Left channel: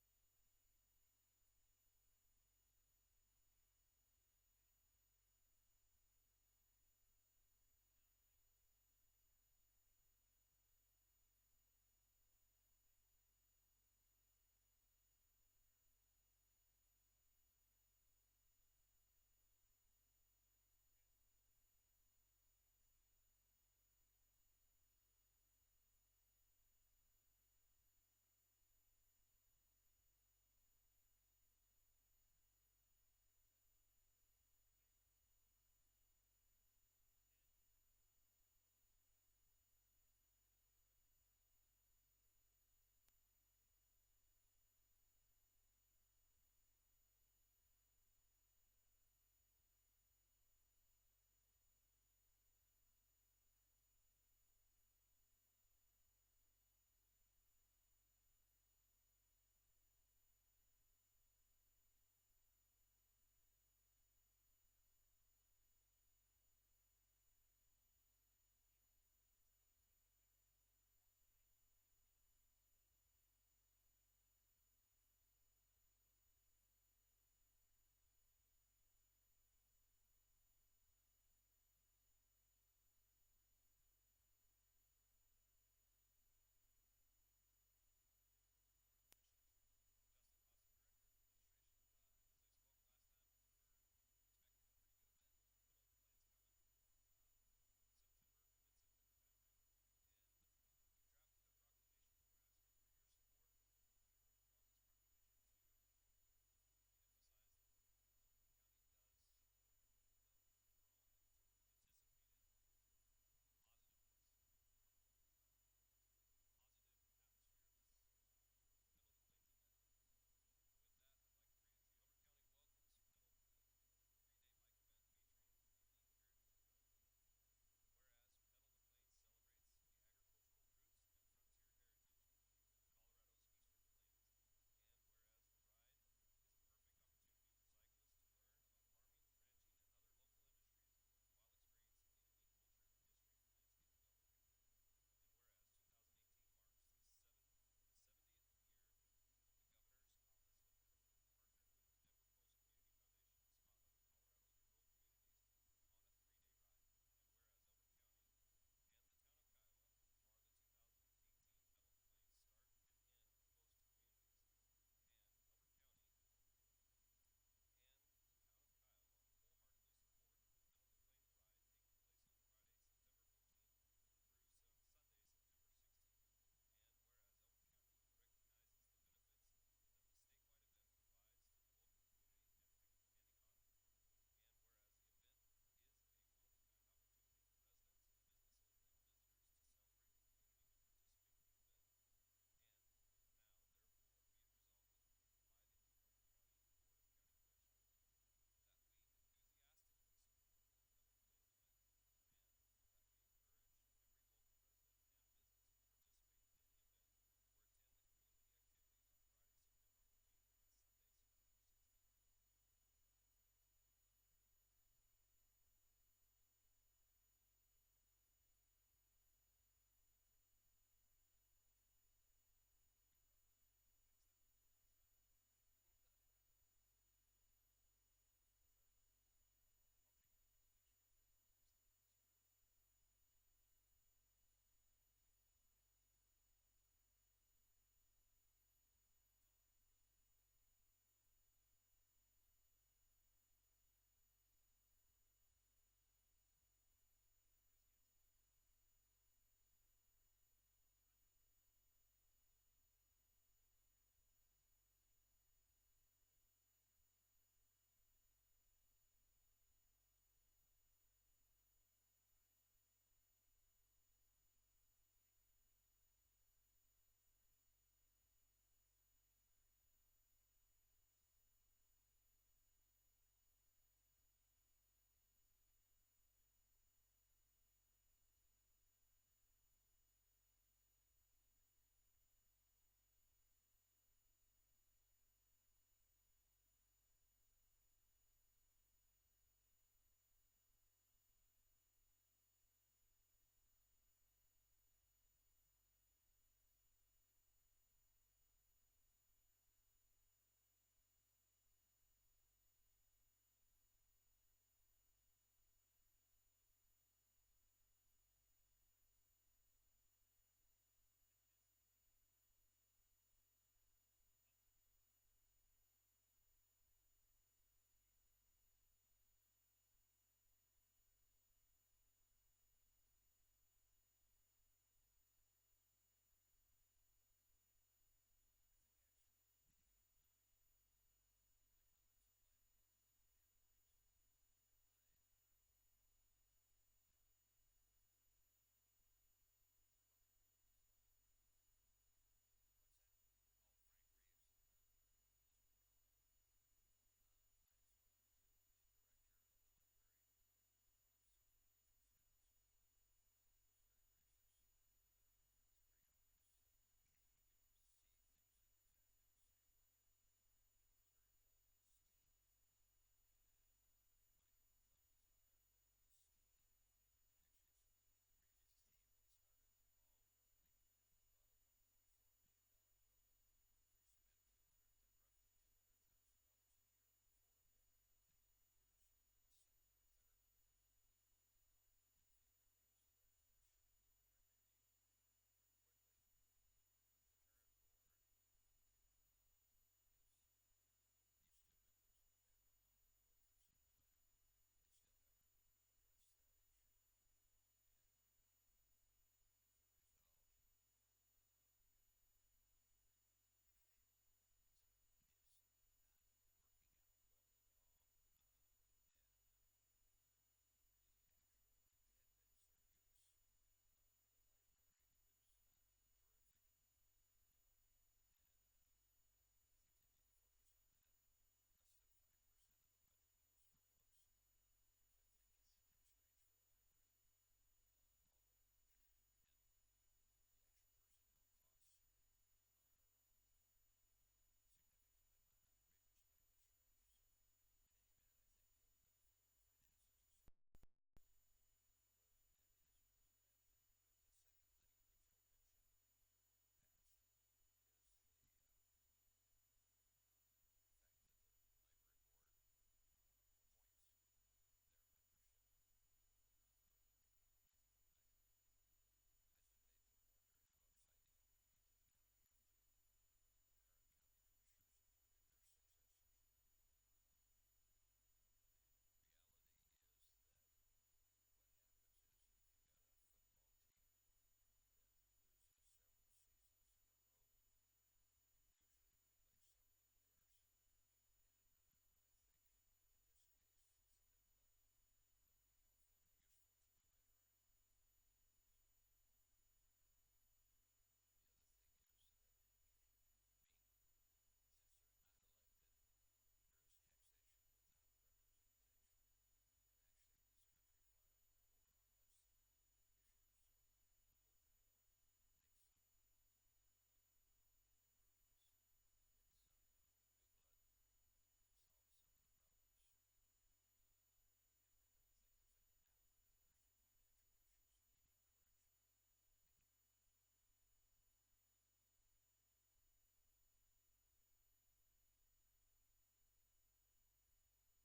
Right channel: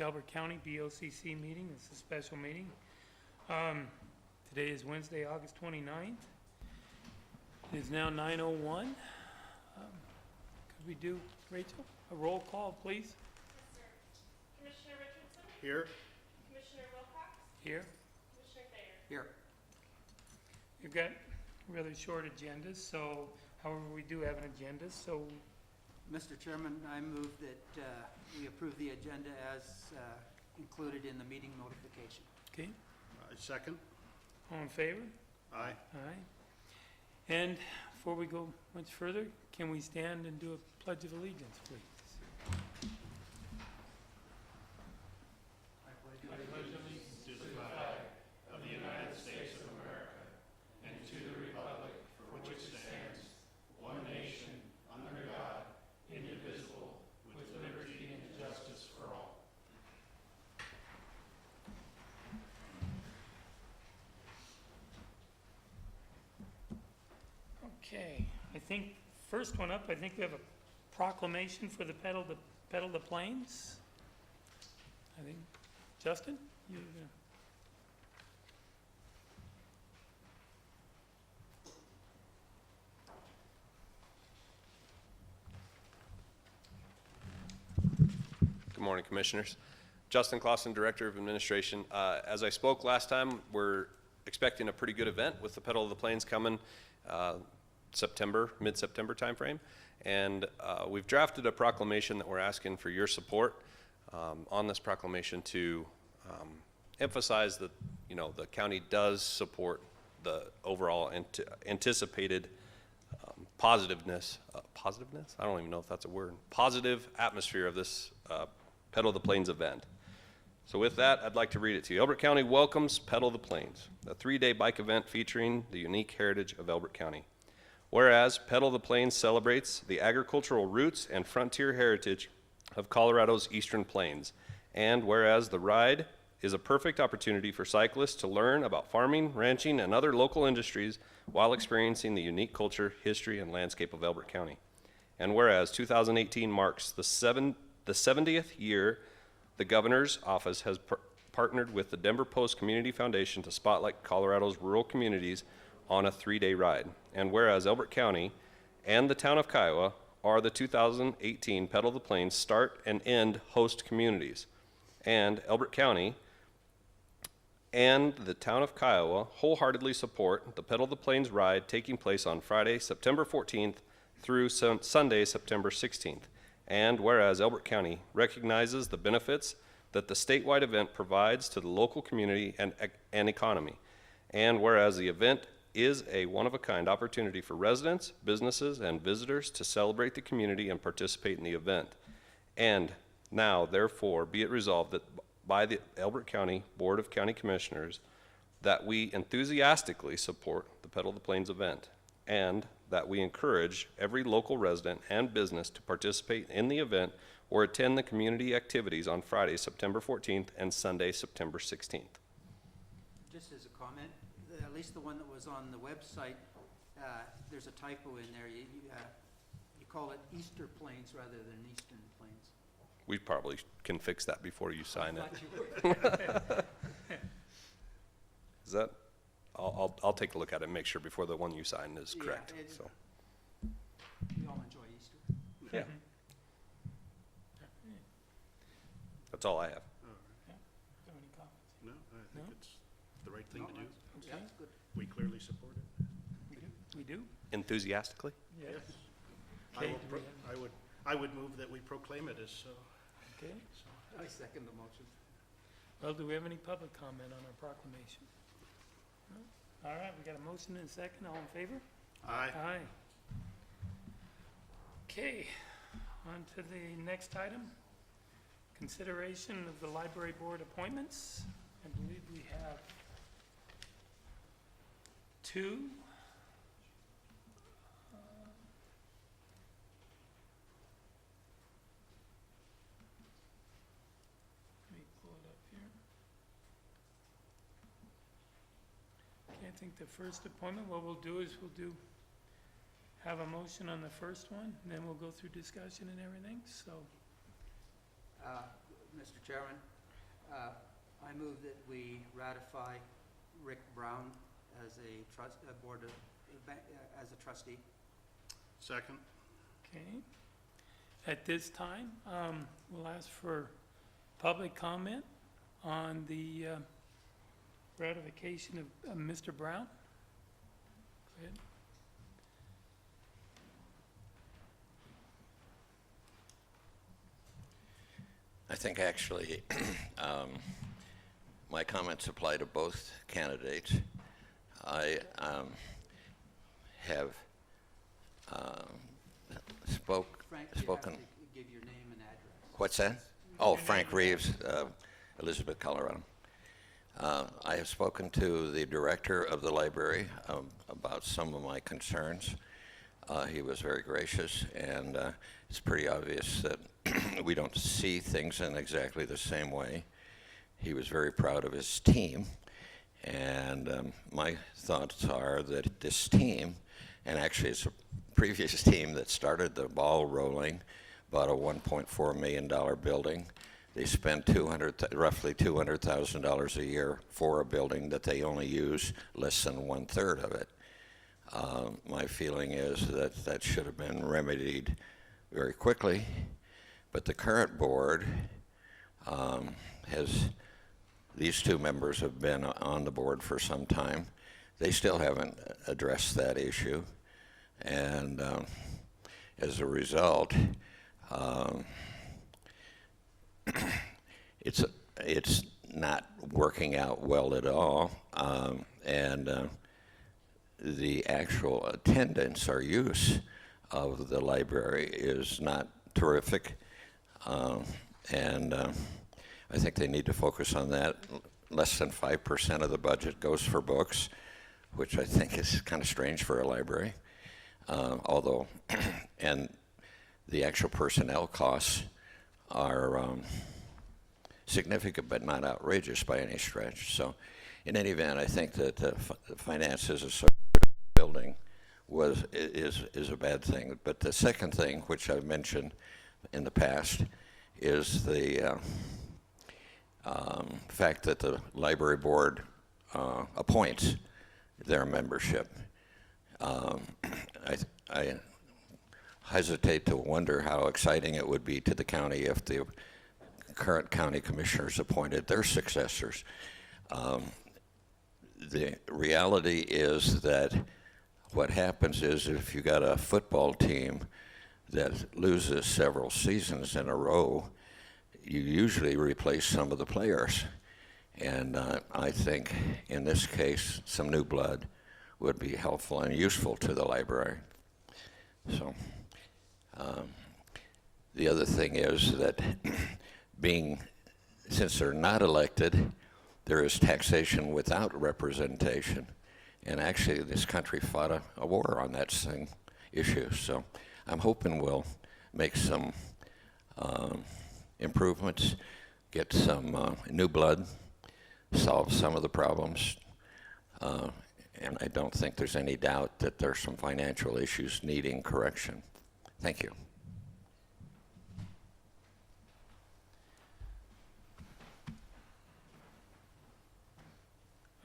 Delaware County BoCC meeting. It's a special meeting. Today is Wednesday, August 29th. It is now 9:01. Could we do, Rachel, a roll call, please? Yes, sir. Commissioner Richardson? Here. Commissioner Wilcox? Here. Commissioner Thayer? Here. You've got really short agendas, so however, we do have an agenda, so Mr. Chairman, I move that we approve the agenda as included in the meeting notification. okay. I second. All in favor? Aye. Aye. And before we go much further, can we stand and do a pledge of allegiance, please? Okay, I think, first one up, I think we have a proclamation for the Pedal the Plains. I think, Justin, you Good morning, Commissioners. Justin Clausen, Director of Administration. As I spoke last time, we're expecting a pretty good event with the Pedal of the Plains coming mid-September timeframe. And we've drafted a proclamation that we're asking for your support on this proclamation to emphasize that, you know, the county does support the overall anticipated positiveness, I don't even know if that's a word, positive atmosphere of this Pedal of the Plains event. So with that, I'd like to read it to you. Elbert County welcomes Pedal of the Plains, a 3-day bike event featuring the unique heritage of Elbert County. Whereas Pedal of the Plains celebrates the agricultural roots and frontier heritage of Colorado's eastern plains. And whereas the ride is a perfect opportunity for cyclists to learn about farming, ranching, and other local industries while experiencing the unique culture, history, and landscape of Elbert County. And whereas 2018 marks the 70th year the Governor's Office has partnered with the Denver Post Community Foundation to spotlight Colorado's rural communities on a 3-day ride. And whereas Elbert County and the town of Kiowa are the 2018 Pedal of the Plains start and end host communities. And Elbert County and the town of Kiowa wholeheartedly support the Pedal of the Plains ride taking place on Friday, September 14th through Sunday, September 16th. And whereas Elbert County recognizes the benefits that the statewide event provides to the local community and economy. And whereas the event is a one-of-a-kind opportunity for residents, businesses, and visitors to celebrate the community and participate in the event. And now, therefore, be it resolved that by the Elbert County Board of County Commissioners that we enthusiastically support the Pedal of the Plains event, and that we encourage every local resident and business to participate in the event or attend the community activities on Friday, September 14th and Sunday, September 16th. Just as a comment, at least the one that was on the website, there's a typo in there. You call it Easter Plains rather than Eastern Plains. We probably can fix that before you sign it. Is that? I'll take a look at it and make sure before the one you sign is correct. Yeah, so. We all enjoy Easter. Yeah. That's all I have. All right. have any comments? No, I think No? it's the right thing to do. Yeah, that's good. We clearly support it. We do? Enthusiastically? Yes. I Okay, will do we have- I would move that we proclaim it as so. Okay. I second the motion. Well, do we have any public comment on our proclamation? No? All right, we got a motion and a second. All in favor? Aye. Aye. Okay, on to the next item. Consideration of the library board appointments. I believe we have 2. Let me pull it up here. Okay, I think the first appointment, what we'll do is have a motion on the first one, and then we'll go through discussion and everything, so. Mr. Chairman, I move that we ratify Rick Brown as a as a trustee. Second? Okay. At this time, we'll ask for public comment on the ratification of Mr. Brown. Go ahead. I think actually, my comments apply to both candidates. I have Frank, you have spoken. to give your name and address. What's that? Oh, Frank Reeves, Elizabeth, Colorado. I have spoken to the director of the library about some of my concerns. He was very gracious, and it's pretty obvious that we don't see things in exactly the same way. He was very proud of his team, and my thoughts are that this team, and actually it's a previous team that started the ball rolling, bought a $1.4 million building. They spent roughly $200,000 a year for a building that they only use less than 1/3 of it. My feeling is that that should have been remedied very quickly, but the current board these two members have been on the board for some time. They still haven't addressed that issue, and as a result, it's not working out well at all, and the actual attendance or use of the library is not terrific, and I think they need to focus on that. Less than 5% of the budget goes for books, which I think is kind of strange for a library, although, and the actual personnel costs are significant but not outrageous by any stretch. So in any event, I think that the finances associated with the building is a bad thing. But the second thing, which I've mentioned in the past, is the fact that the library board appoints their membership. I hesitate to wonder how exciting it would be to the county if the current county commissioners appointed their successors. The reality is that what happens is if you got a football team that loses several seasons in a row, you usually replace some of the players. And I think in this case, some new blood would be helpful and useful to the library. So the other thing is that since they're not elected, there is taxation without representation. And actually this country fought a war on that issue. So I'm hoping we'll make some improvements, get some new blood, solve some of the problems, and I don't think there's any doubt that there's some financial issues needing correction. Thank you.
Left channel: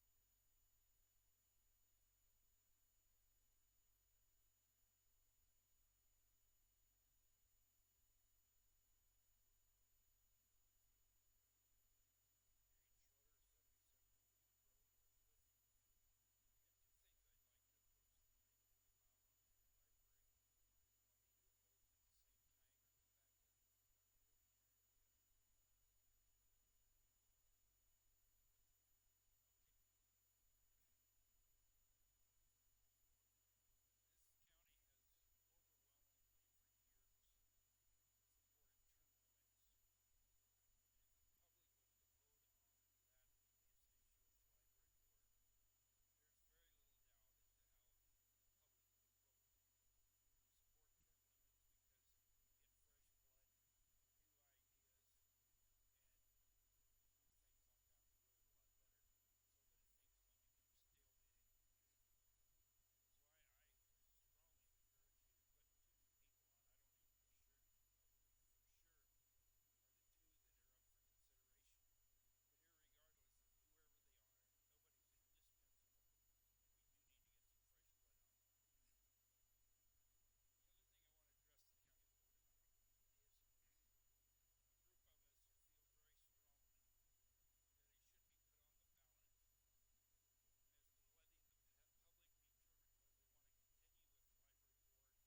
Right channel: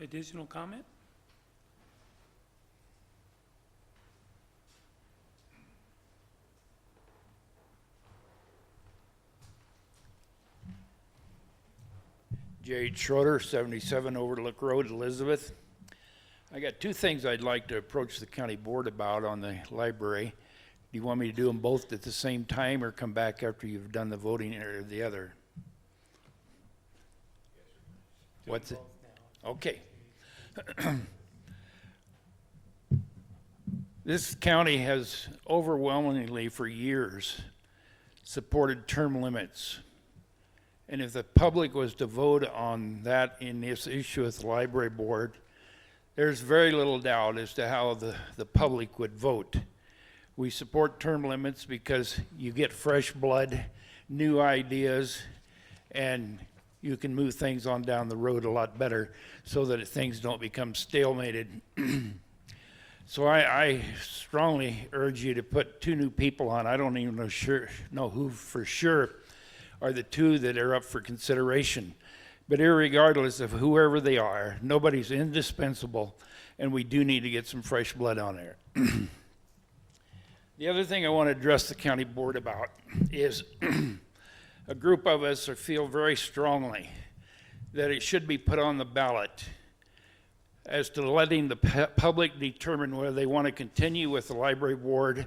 Additional comment? Jade Schroeder, 77 Overlook Road, Elizabeth. I got two things I'd like to approach the county board about on the library. Do you want me to do them both at the same time or come back after you've done the voting or the other? What's it? Okay. This county has overwhelmingly for years supported term limits. And if the public was to vote on that in this issue with the library board, there's very little doubt as to how the public would vote. We support term limits because you get fresh blood, new ideas, and you can move things on down the road a lot better so that things don't become stalemated. So I strongly urge you to put two new people on. I don't even know who for sure are the two that are up for consideration, But irregardless of whoever they are, nobody's indispensable, and we do need to get some fresh blood on there. The other thing I want to address the county board about is a group of us feel very strongly that it should be put on the ballot as to letting the public determine whether they want to continue with the library board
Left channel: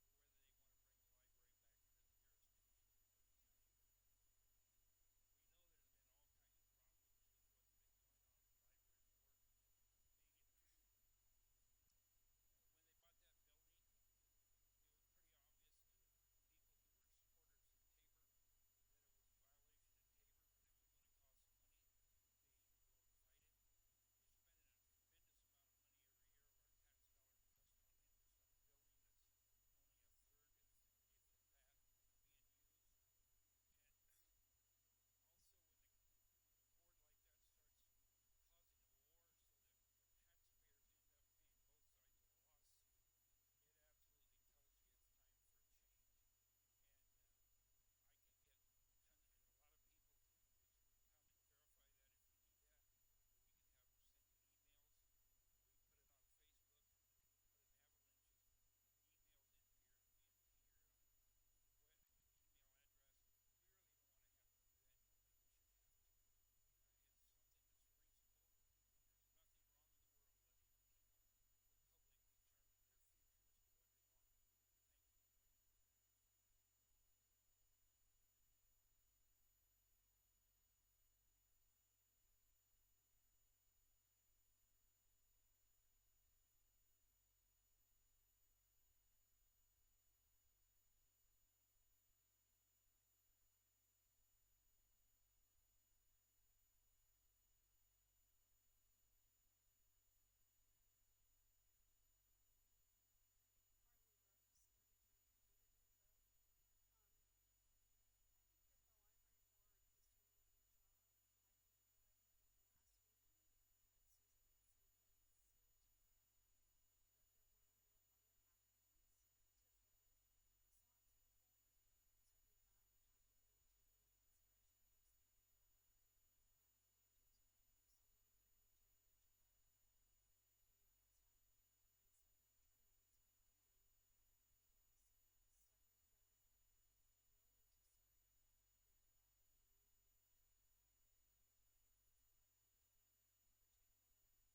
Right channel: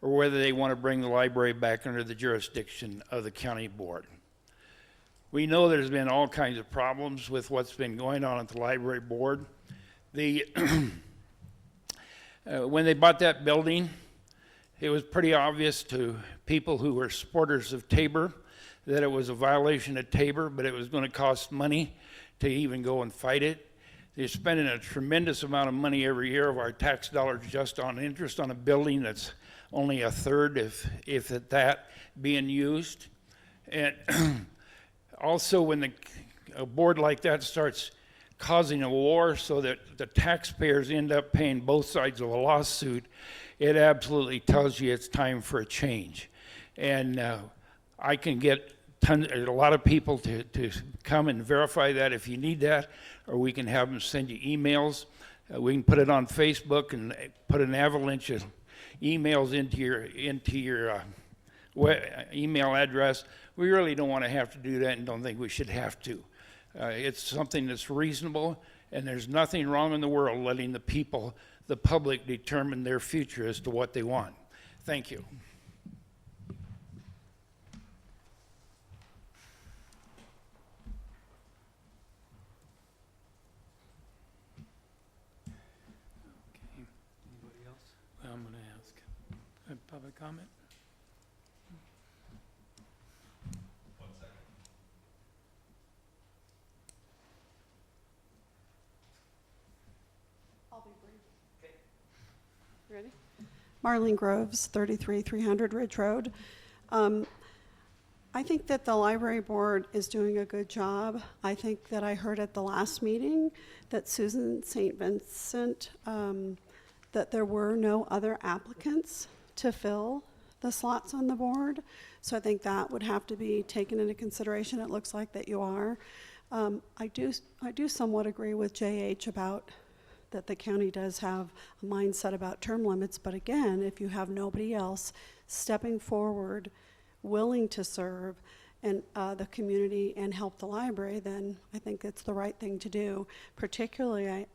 or whether they want to bring the library back under the jurisdiction of the county board. We know there's been all kinds of problems with what's been going on at the library board. When they bought that building, it was pretty obvious to people who were supporters of Tabor that it was a violation of Tabor, but it was going to cost money to even go and fight it. They're spending a tremendous amount of money every year of our tax dollars just on interest on a building that's only a third, if at that, being used. And also, when a board like that starts causing a war so that the taxpayers end up paying both sides of a lawsuit, it absolutely tells you it's time for a change. And I can get a lot of people to come and verify that if you need that, or we can have them send you emails. We can put it on Facebook and put an avalanche of emails into your email address. We really don't want to have to do that and don't think we should have to. It's something that's reasonable, and there's nothing wrong in the world letting the people, the public, determine their future as to what they want. Thank you. Anybody else? Well, I'm gonna ask. Public comment? I'll be brief. Ready? Marlene Groves, 33300 Ridge Road. I think that the library board is doing a good job. I think that I heard at the last meeting that Susan St. Vincent, that there were no other applicants to fill the slots on the board. So I think that would have to be taken into consideration. It looks like that you are. I do somewhat agree with JH about that the county does have a mindset about term limits, but again, if you have nobody else stepping forward, willing to serve and the community and help the library, then I think it's the right thing to do. Particularly,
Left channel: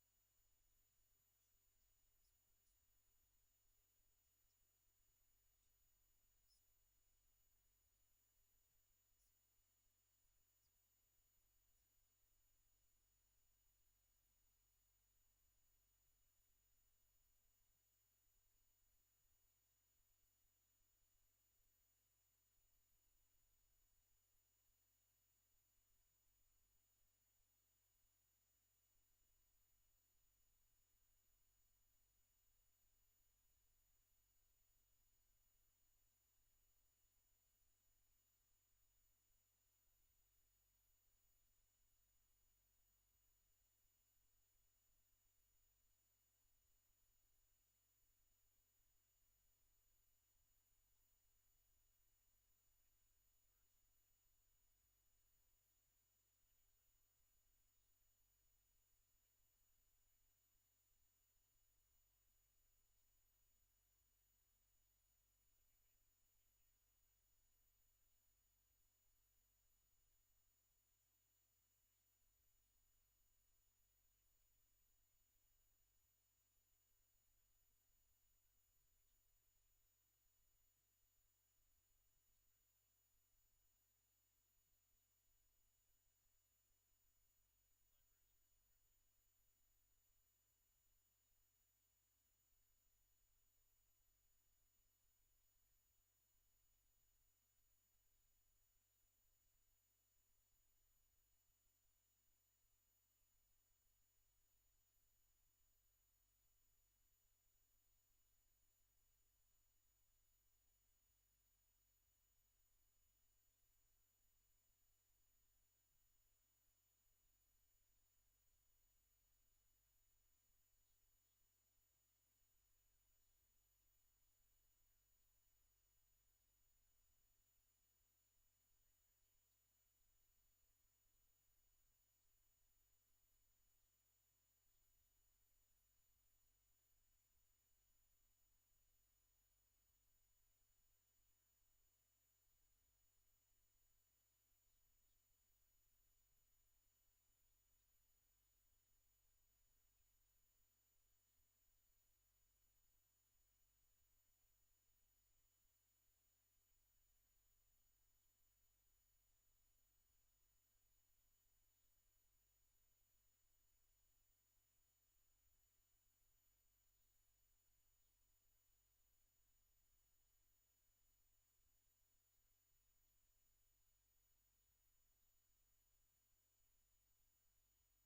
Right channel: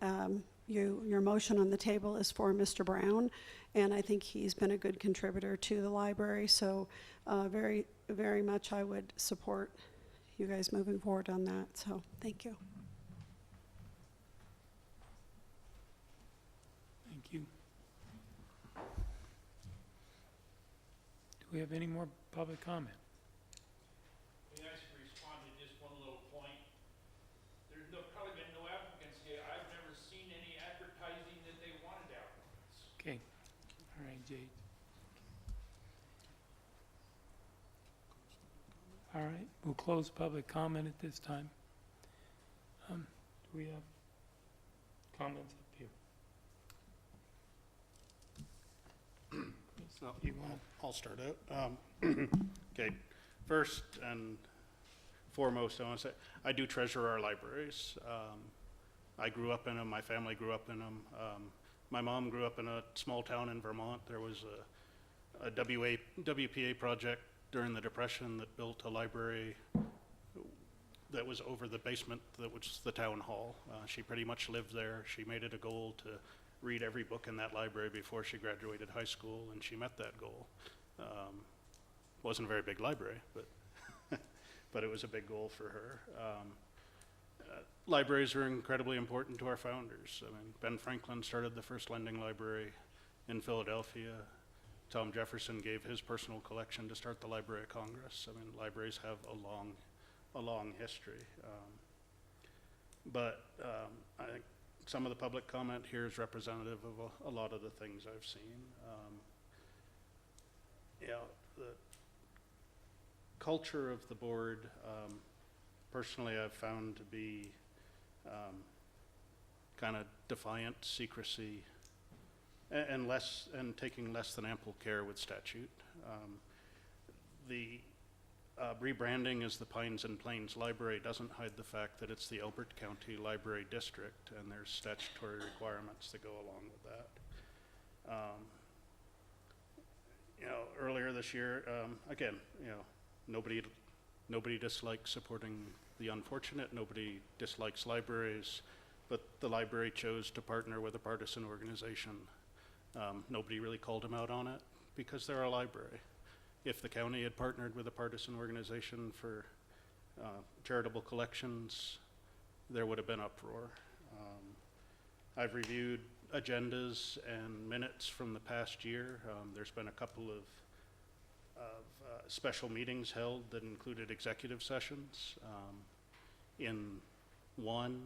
your motion on the table is for Mr. Brown, and I think he's been a good contributor to the library, so very, very much I would support you guys moving forward on that, so thank you. Thank you. Do we have any more public comment? May I respond to just one little point? There's probably been no applicants here. I've never seen any advertising that they wanted applicants. Okay. All right, Jade. All right, we'll close public comment at this time. Do we have comments up here? So, You want? I'll start out. Okay, first and foremost, I want to say, I do treasure our libraries. I grew up in them, my family grew up in them. My mom grew up in a small town in Vermont. There was a WPA project during the Depression that built a library that was over the basement that was the town hall. She pretty much lived there. She made it a goal to read every book in that library before she graduated high school, and she met that goal. Wasn't a very big library, but but it was a big goal for her. Libraries are incredibly important to our founders. I mean, Ben Franklin started the first lending library in Philadelphia. Tom Jefferson gave his personal collection to start the Library of Congress. I mean, libraries have a long history. But I think some of the public comment here is representative of a lot of the things I've seen. The culture of the board, personally, I've found to be kind of defiant, secrecy, and taking less than ample care with statute. The rebranding as the Pines and Plains Library doesn't hide the fact that it's the Elbert County Library District, and there's statutory requirements that go along with that. Earlier this year, again, nobody dislikes supporting the unfortunate, nobody dislikes libraries, but the library chose to partner with a partisan organization. Nobody really called them out on it because they're a library. If the county had partnered with a partisan organization for charitable collections, there would have been uproar. I've reviewed agendas and minutes from the past year. There's been a couple of special meetings held that included executive sessions. In one,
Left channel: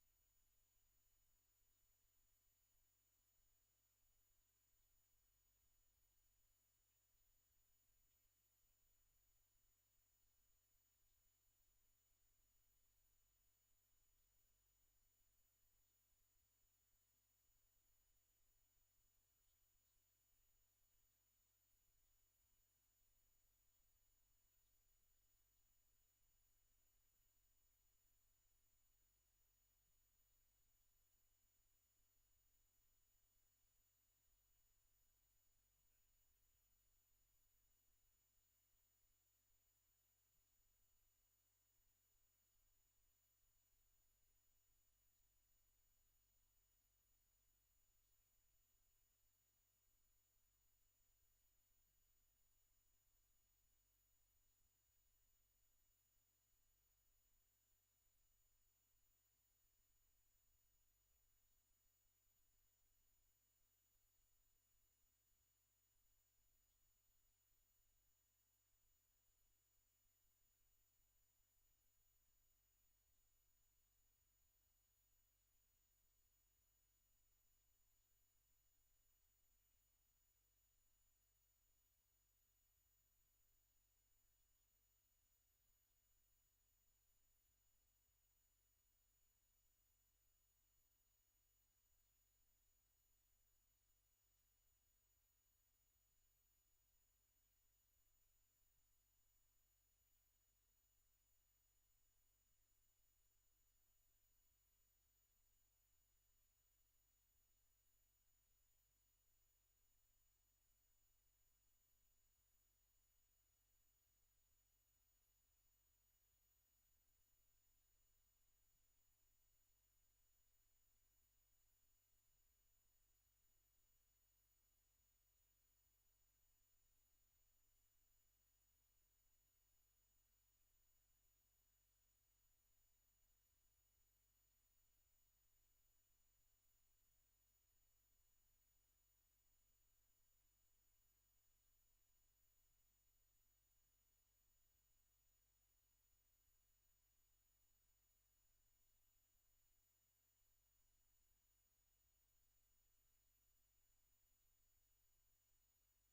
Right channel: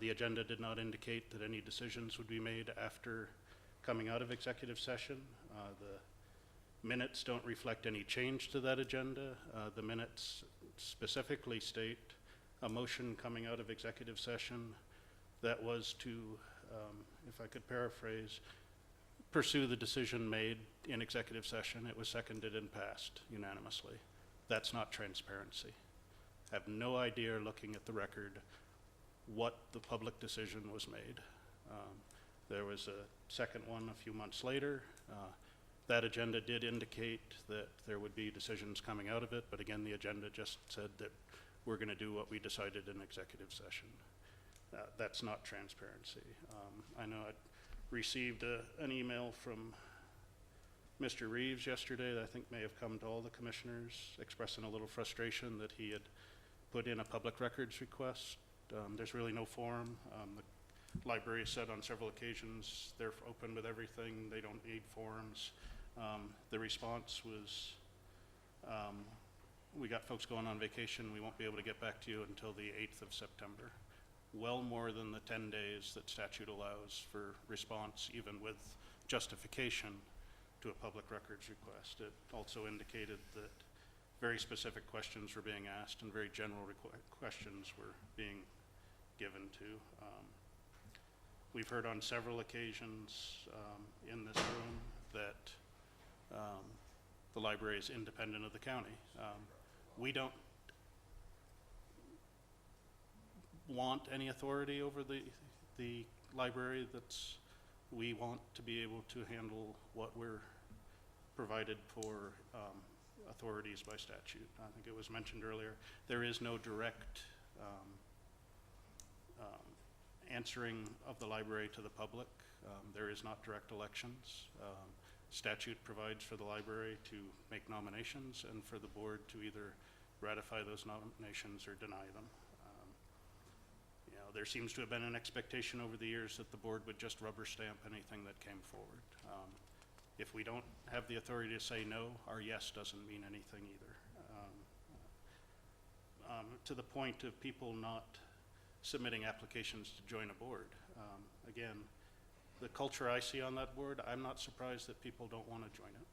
the agenda did not indicate that any decisions would be made after coming out of executive session. The minutes don't reflect any change to that agenda. The minutes specifically state a motion coming out of executive session that was to, if I could paraphrase, pursue the decision made in executive session. It was seconded and passed unanimously. That's not transparency. I have no idea, looking at the record, what the public decision was made. There was a second one a few months later. That agenda did indicate that there would be decisions coming out of it, but again, the agenda just said that we're going to do what we decided in executive session. That's not transparency. I know I received an email from Mr. Reeves yesterday that I think may have come to all the commissioners, expressing a little frustration that he had put in a public records request. There's really no form. The library said on several occasions they're open with everything, they don't need forms. The response was, we got folks going on vacation, we won't be able to get back to you until the 8th of September. Well more than the 10 days that statute allows for response, even with justification to a public records request. It also indicated that very specific questions were being asked and very general questions were being given to. We've heard on several occasions in this room that the library is independent of the county. We don't want any authority over the library. We want to be able to handle what we're provided for authorities by statute. I think it was mentioned earlier, there is no direct answering of the library to the public. There is not direct elections. Statute provides for the library to make nominations and for the board to either ratify those nominations or deny them. There seems to have been an expectation over the years that the board would just rubber stamp anything that came forward. If we don't have the authority to say no, our yes doesn't mean anything either. To the point of people not submitting applications to join a board. Again, the culture I see on that board, I'm not surprised that people don't want to join it.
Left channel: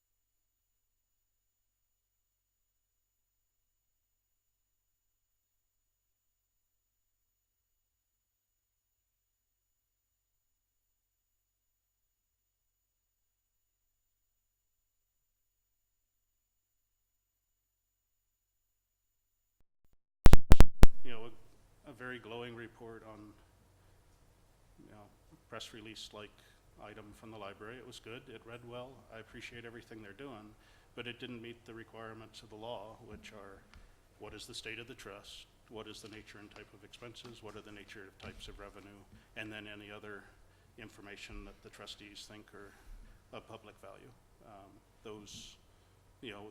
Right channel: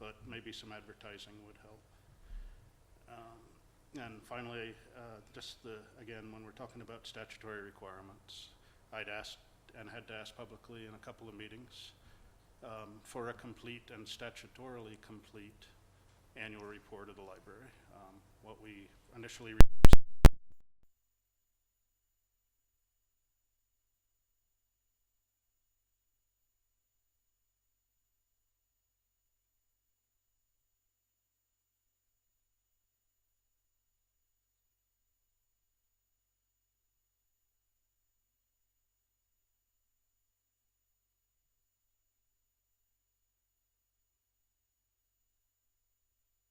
But maybe some advertising would help. And finally, again, when we're talking about statutory requirements, I'd asked and had to ask publicly in a couple of meetings for a complete and statutorily complete annual report of the library. What we initially received, a very glowing report on, press release-like item from the library. It was good. It read well. I appreciate everything they're doing, but it didn't meet the requirements of the law, which are, what is the state of the trust? What is the nature and type of expenses? What are the nature of types of revenue? And then any other information that the trustees think are of public value.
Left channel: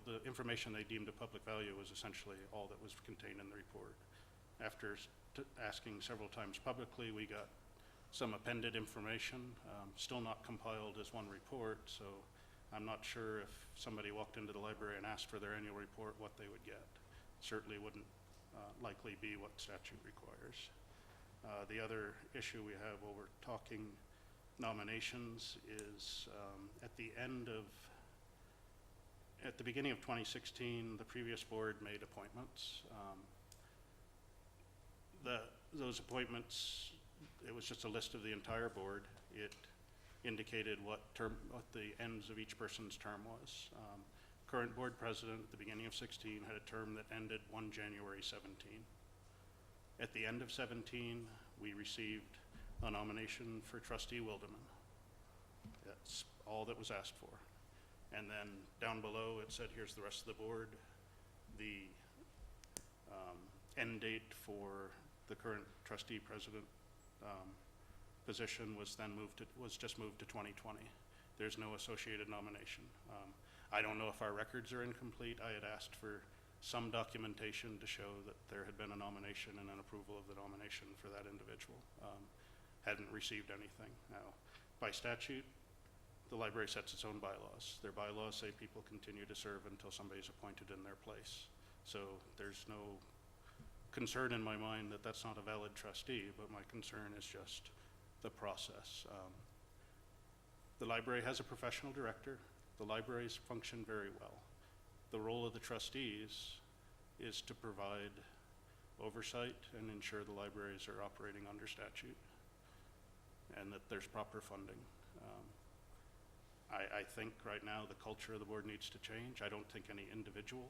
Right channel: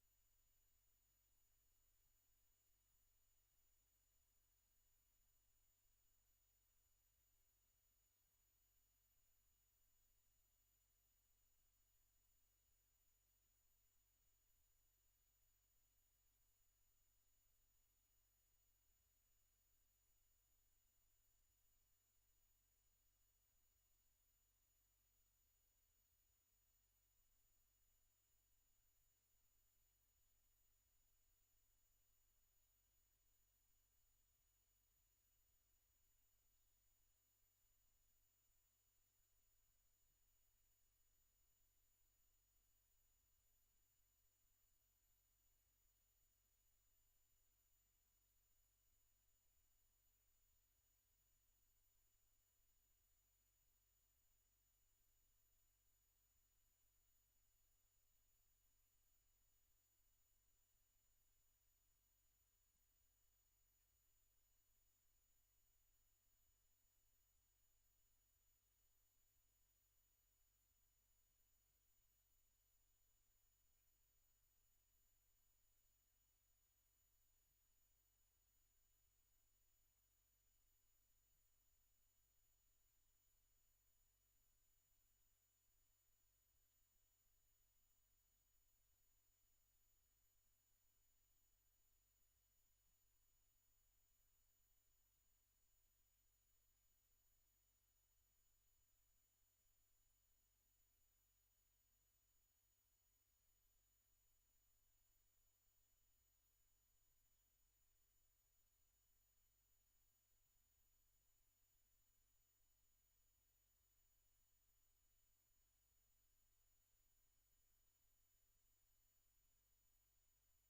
The information they deemed of public value was essentially all that was contained in the report. After asking several times publicly, we got some appended information, still not compiled as one report, so I'm not sure if somebody walked into the library and asked for their annual report what they would get. Certainly wouldn't likely be what statute requires. The other issue we have while we're talking nominations is at the beginning of 2016, the previous board made appointments. Those appointments, it was just a list of the entire board. It indicated what the ends of each person's term was. current board president at the beginning of 16 had a term that ended 1 January 17. At the end of 17, we received a nomination for Trustee Wildeman. That's all that was asked for. And then down below it said, here's the rest of the board. The end date for the current trustee president position was just moved to 2020. There's no associated nomination. I don't know if our records are incomplete. I had asked for some documentation to show that there had been a nomination and an approval of the nomination for that individual. Hadn't received anything. Now, by statute, the library sets its own bylaws. Their bylaws say people continue to serve until somebody's appointed in their place. So there's no concern in my mind that that's not a valid trustee, but my concern is just the process. The library has a professional director. The libraries function very well. The role of the trustees is to provide oversight and ensure the libraries are operating under statute and that there's proper funding. I think right now the culture of the board needs to change. I don't think any individual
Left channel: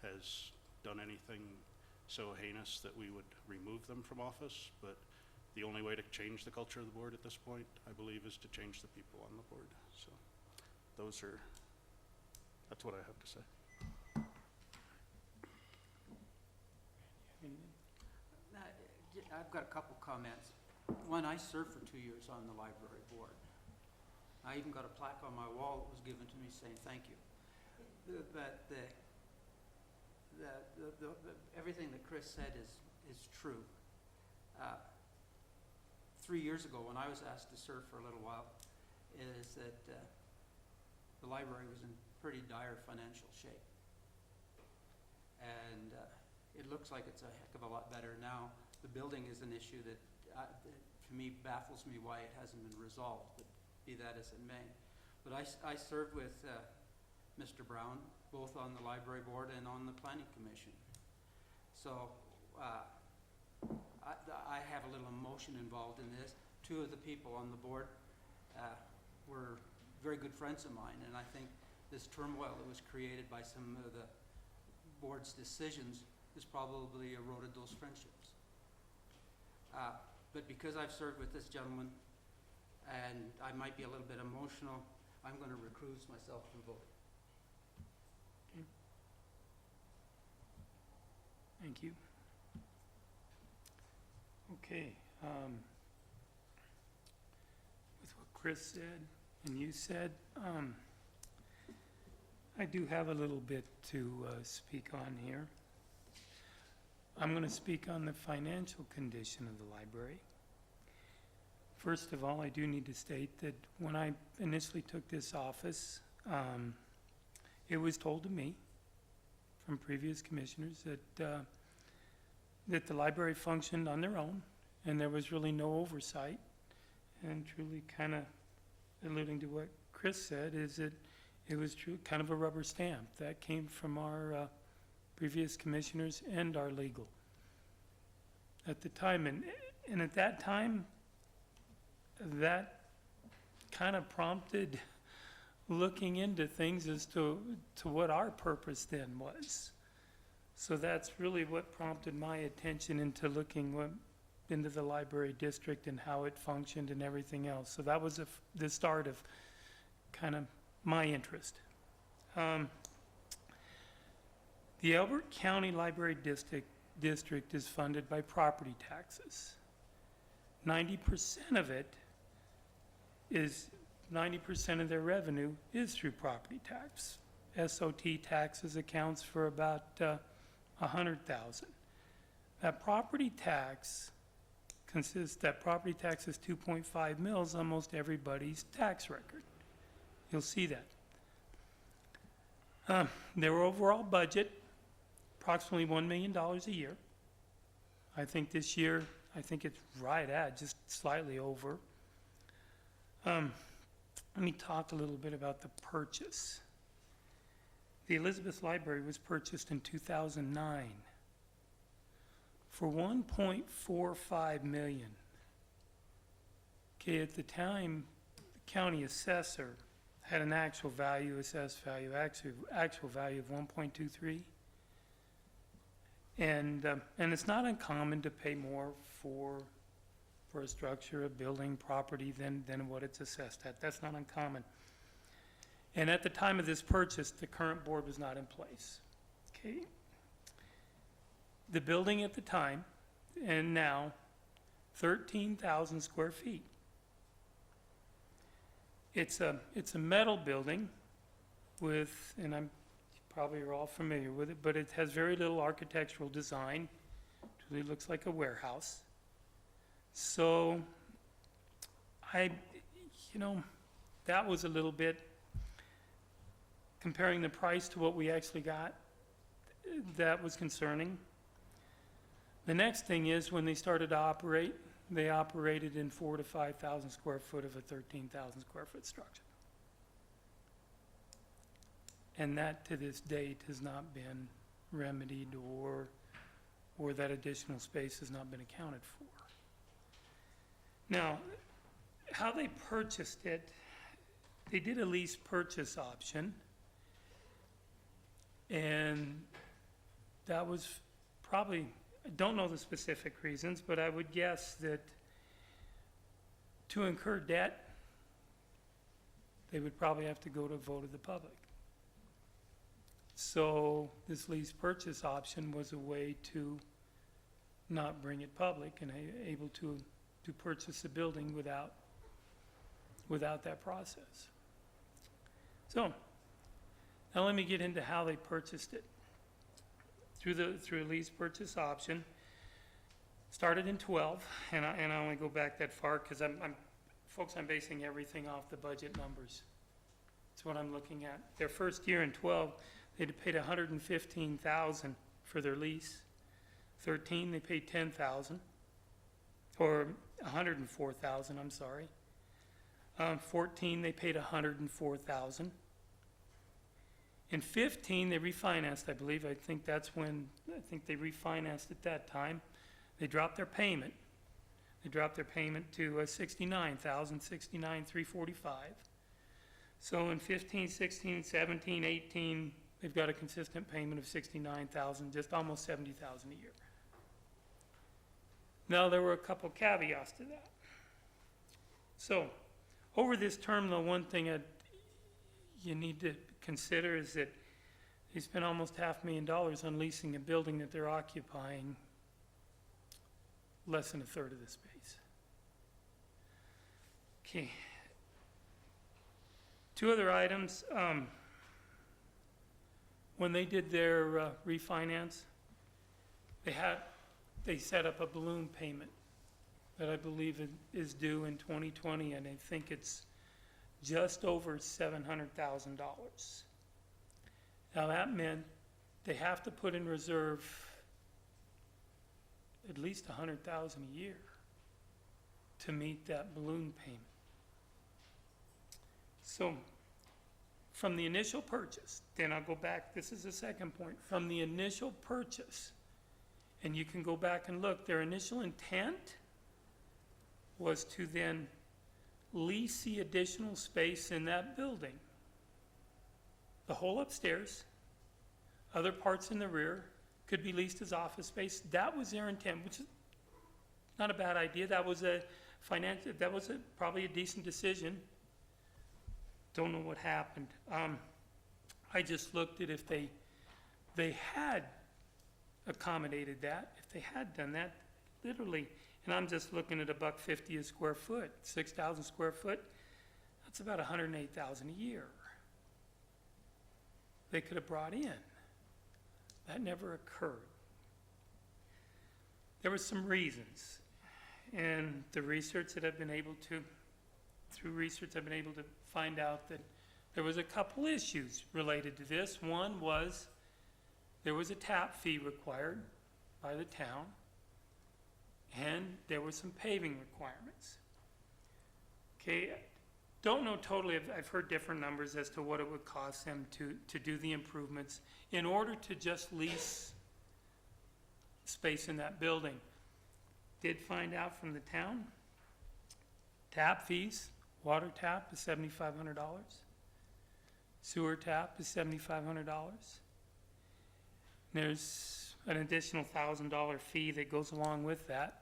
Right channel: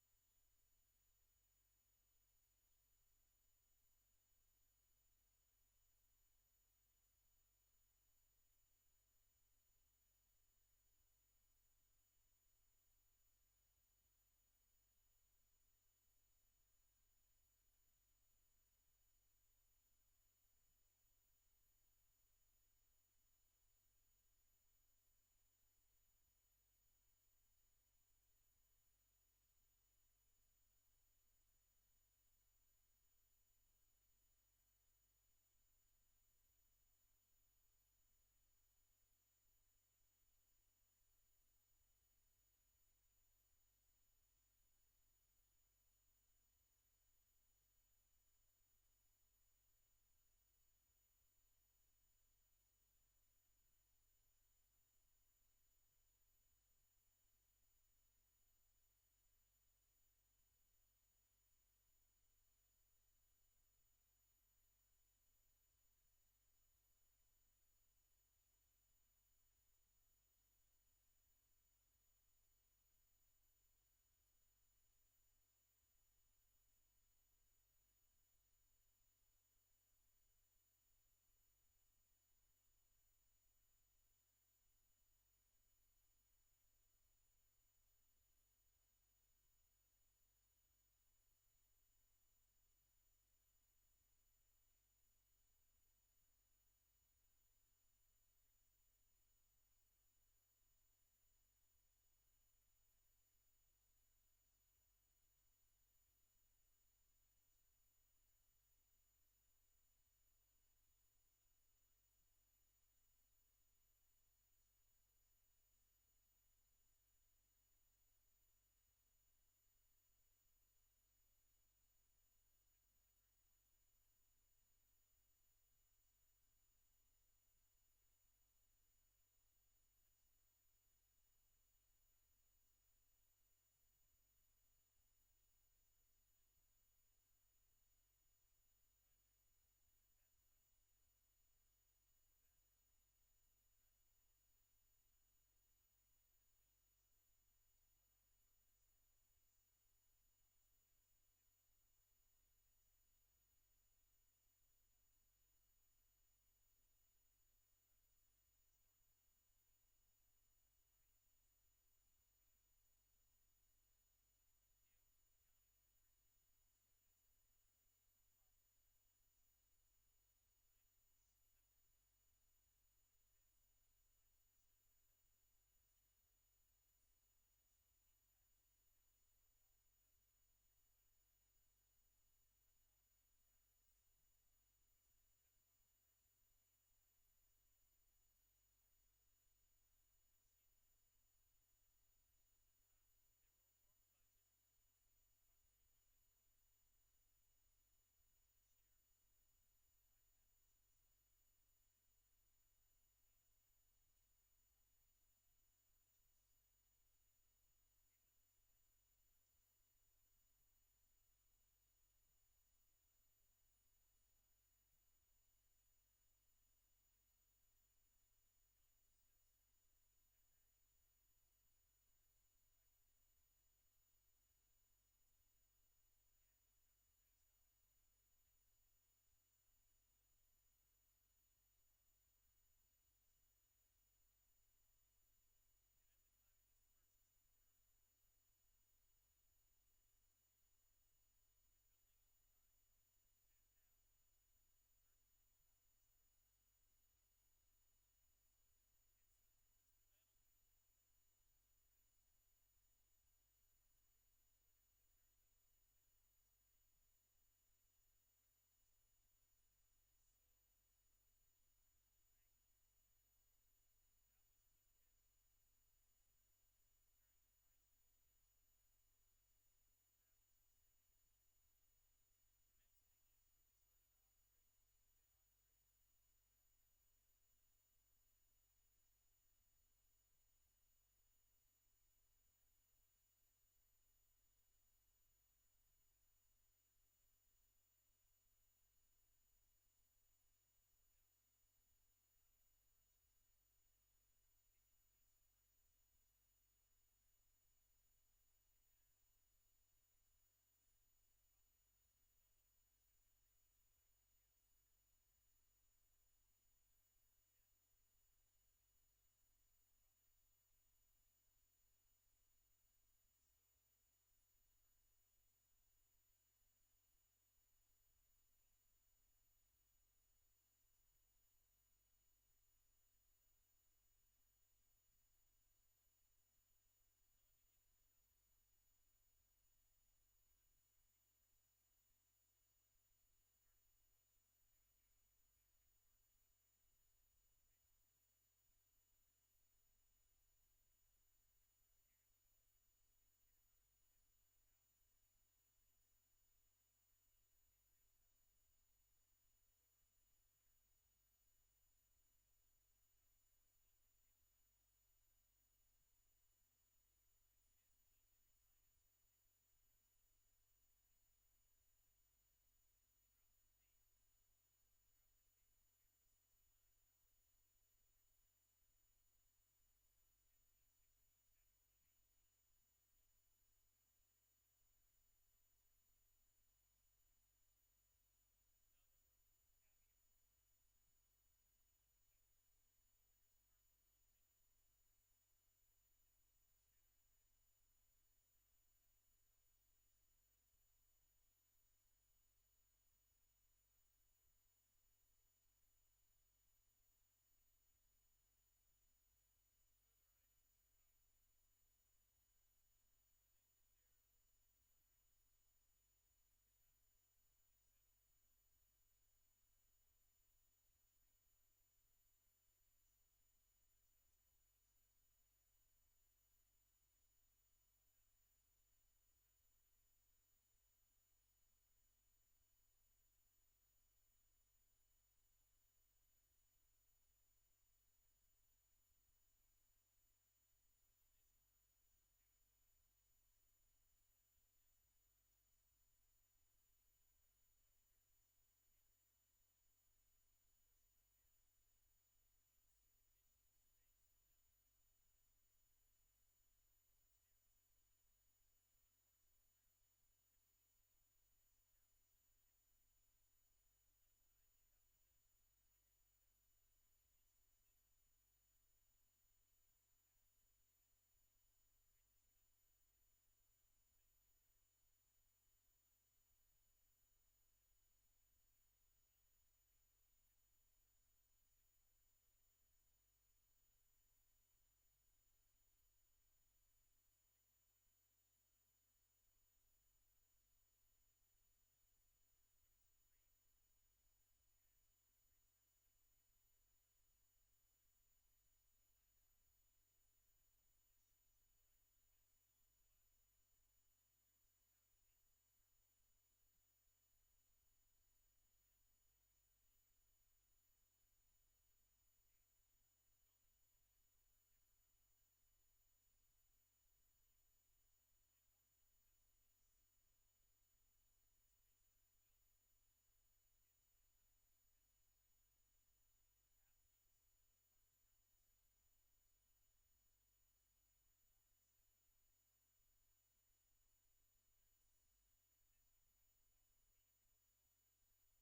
has done anything so heinous that we would remove them from office, but the only way to change the culture of the board at this point, I believe, is to change the people on the board. So that's what I have to say. I've got a couple comments. One, I served for 2 years on the library board. I even got a plaque on my wall that was given to me saying thank you. But everything that Chris said is true. 3 years ago, when I was asked to serve for a little while, is that the library was in pretty dire financial shape. And it looks like it's a heck of a lot better now. The building is an issue that, to me, baffles me why it hasn't been resolved, but be that as it may. But I served with Mr. Brown, both on the library board and on the planning commission. So I have a little emotion involved in this. Two of the people on the board were very good friends of mine, and I think this turmoil that was created by some of the board's decisions has probably eroded those friendships. But because I've served with this gentleman, and I might be a little bit emotional, I'm going to recuse myself from voting. Thank you. Okay, with what Chris said and you said, I do have a little bit to speak on here. I'm going to speak on the financial condition of the library. First of all, I do need to state that when I initially took this office, it was told to me from previous commissioners that the library functioned on their own and there was really no oversight. And truly kind of alluding to what Chris said is that it was true, kind of a rubber stamp that came from our previous commissioners and our legal at the time. And at that time, that kind of prompted looking into things as to what our purpose then was. So that's really what prompted my attention into looking into the library district and how it functioned and everything else. So that was the start of kind of my interest. The Elbert County Library District is funded by property taxes. 90% of it is 90% of their revenue is through property tax. SOT taxes accounts for about $100,000. That property tax property tax is 2.5 mils on almost everybody's tax record. You'll see that. Their overall budget, approximately $1 million a year. I think this year, it's right at just slightly over. Let me talk a little bit about the purchase. The Elizabeth Library was purchased in 2009 for $1.45 million. Okay, at the time, the county assessor had an actual value, assessed value, actual value of 1.23. And it's not uncommon to pay more for a structure, a building, property than what it's assessed at. That's not uncommon. And at the time of this purchase, the current board was not in place. Okay. The building at the time, and now, 13,000 square feet. It's a metal building with, and I'm probably are all familiar with it, but it has very little architectural design. It really looks like a warehouse. So that was a little bit, comparing the price to what we actually got, that was concerning. The next thing is, when they started to operate, they operated in 4,000 to 5,000 square foot of a 13,000 square foot structure. And that, to this date, has not been remedied, or that additional space has not been accounted for. Now, how they purchased it, they did a lease purchase option, and that was probably, I don't know the specific reasons, but I would guess that to incur debt, they would probably have to go to a vote of the public. So this lease purchase option was a way to not bring it public and able to purchase the building without that process. So now let me get into how they purchased it. Through a lease purchase option, started in 12, and I only go back that far because I'm basing everything off the budget numbers. That's what I'm looking at. Their first year in 12, they'd paid $115,000 for their lease. 13, they paid $10,000, or $104,000. I'm sorry. 14, they paid $104,000. In 15, they refinanced, I believe. I think they refinanced at that time. They dropped their payment. They dropped their payment to $69,000, $69,345. So in 15, 16, 17, 18, they've got a consistent payment of $69,000, just almost $70,000 a year. Now, there were a couple caveats to that. So, over this term, the one thing you need to consider is that they spent almost $500,000 on leasing a building that they're occupying less than a third of the space. Okay. Two other items. When they did their refinance, they set up a balloon payment that I believe is due in 2020, and I think it's just over $700,000. Now that meant they have to put in reserve at least $100,000 a year to meet that balloon payment. So from the initial purchase, then I'll go back, this is the second point, from the initial purchase, and you can go back and look, their initial intent was to then lease the additional space in that building. The whole upstairs, other parts in the rear, could be leased as office space. That was their intent, which is not a bad idea. That was probably a decent decision. Don't know what happened. I just looked at if they had accommodated that, if they had done that, literally, and I'm just looking at $1.50 a square foot, 6,000 square foot, that's about $108,000 a year. They could have brought in. That never occurred. There were some reasons, and the research that I've been able to, through research I've been able to find out that there was a couple issues related to this. One was there was a tap fee required by the town, and there were some paving requirements. Okay, don't know totally, I've heard different numbers as to what it would cost them to do the improvements in order to just lease space in that building. Did find out from the town, tap fees, water tap is $7,500. Sewer tap is $7,500. There's an additional $1,000 fee that goes along with that.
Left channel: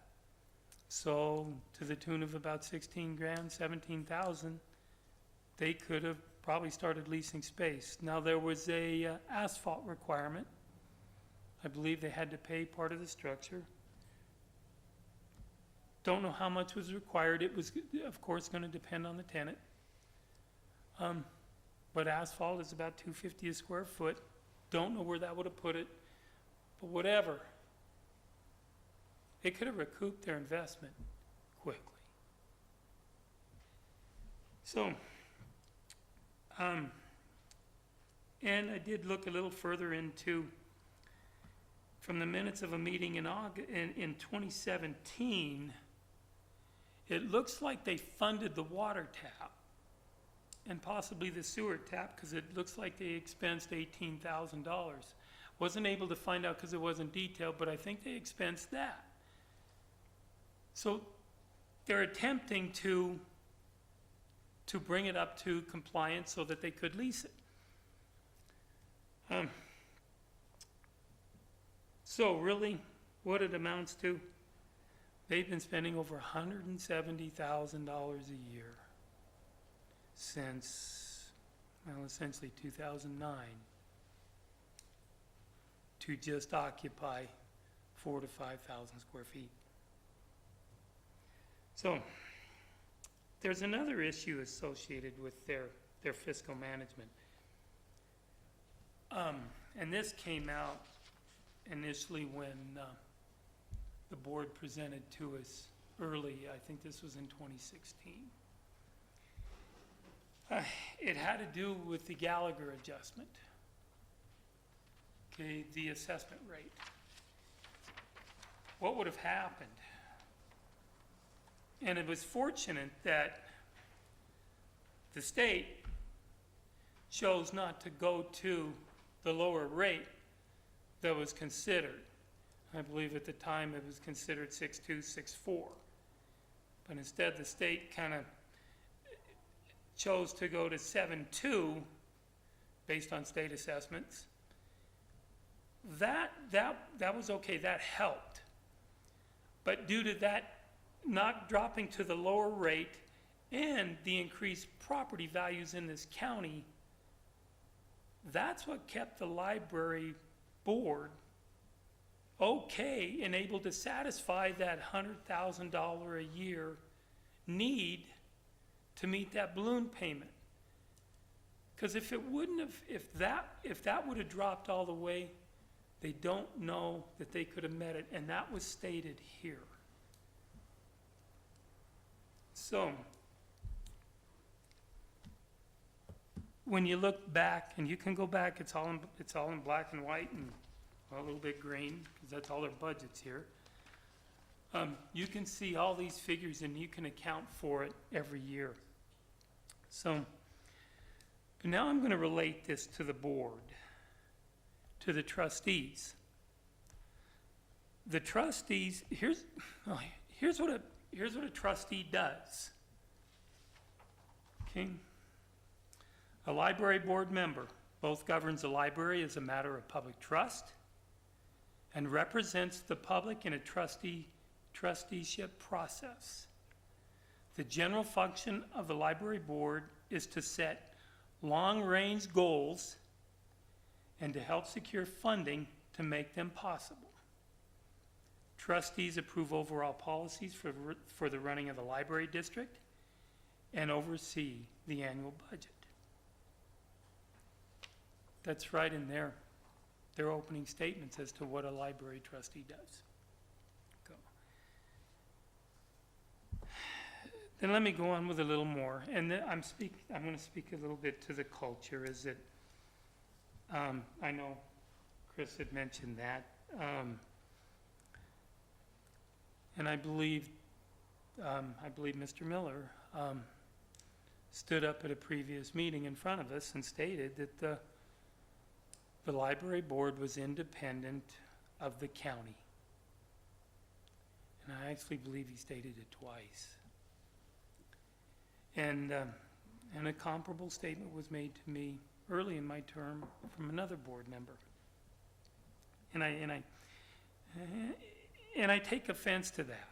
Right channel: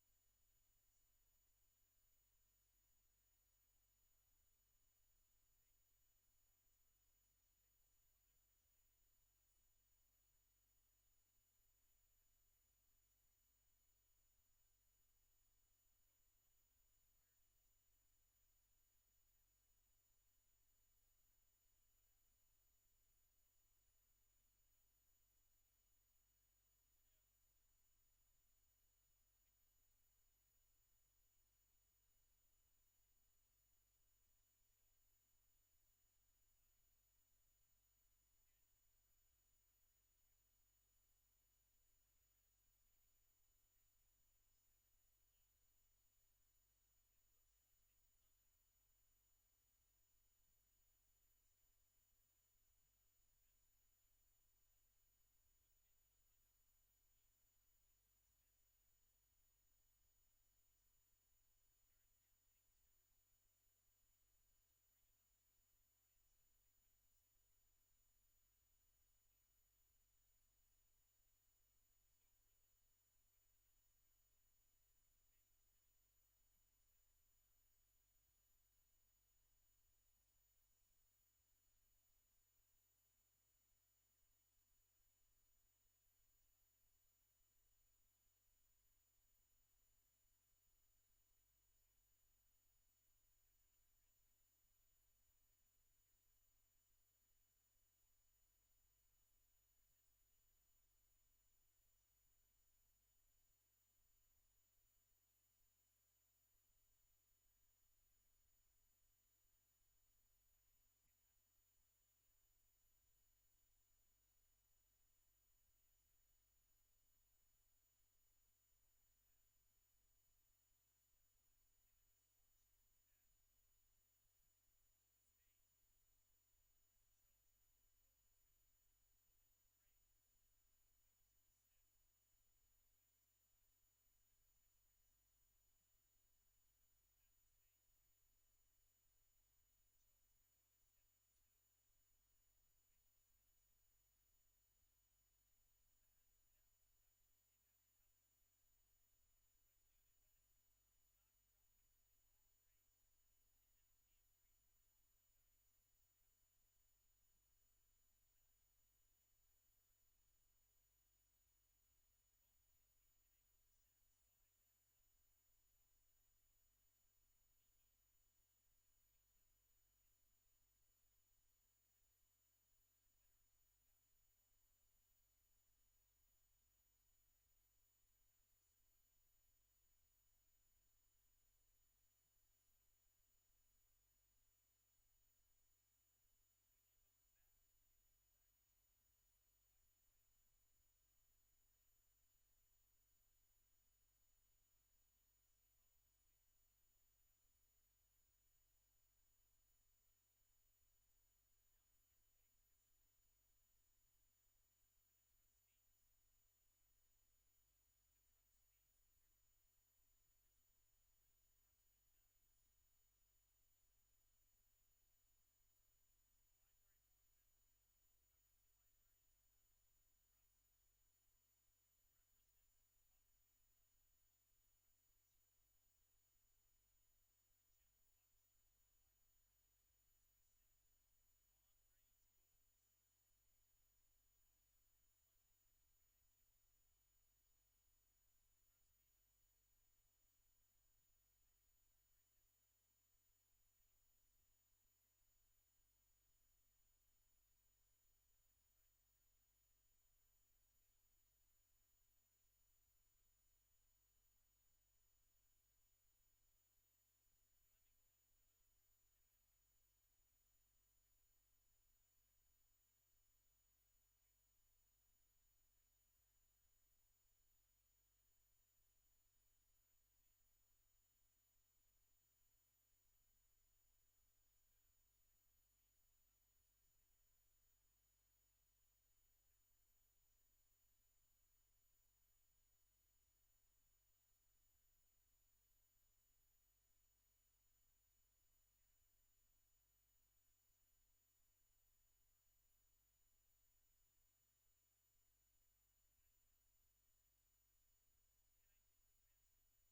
So to the tune of about 16 grand, 17,000, they could have probably started leasing space. Now there was a asphalt requirement. I believe they had to pay part of the structure. Don't know how much was required. It was, of course, going to depend on the tenant. But asphalt is about $250 a square foot. Don't know where that would have put it, but whatever. They could have recouped their investment quickly. So, and I did look a little further into, from the minutes of a meeting in 2017, it looks like they funded the water tap and possibly the sewer tap, because it looks like they expensed $18,000. Wasn't able to find out because it wasn't detailed, but I think they expensed that. So they're attempting to bring it up to compliance so that they could lease it. So really, what it amounts to, they've been spending over $170,000 a year since, well, essentially 2009 to just occupy 4,000 to 5,000 square feet. So there's another issue associated with their fiscal management. And this came out initially when the board presented to us early. I think this was in 2016. It had to do with the Gallagher adjustment, okay, the assessment rate. What would have happened? And it was fortunate that the state chose not to go to the lower rate that was considered. I believe at the time it was considered 6.2, 6.4. But instead the state kind of chose to go to 7.2 based on state assessments. That was okay, that helped. But due to that not dropping to the lower rate and the increased property values in this county, that's what kept the library board okay and able to satisfy that $100,000 a year need to meet that balloon payment. Because if it wouldn't have, if that would have dropped all the way, they don't know that they could have met it, and that was stated here. So, when you look back, and you can go back, it's all in black and white and a little bit green, because that's all their budgets here. You can see all these figures and you can account for it every year. So, but now I'm going to relate this to the board, to the trustees. The trustees, here's what a trustee does. Okay? A library board member both governs the library as a matter of public trust and represents the public in a trusteeship process. The general function of the library board is to set long-range goals and to help secure funding to make them possible. Trustees approve overall policies for the running of the library district and oversee the annual budget. That's right in their opening statements as to what a library trustee does. Go. Then let me go on with a little more, and then I'm going to speak a little bit to the culture. Is that I know Chris had mentioned that, and I believe Mr. Miller stood up at a previous meeting in front of us and stated that the library board was independent of the county. And I actually believe he stated it twice. And a comparable statement was made to me early in my term from another board member. And I take offense to that.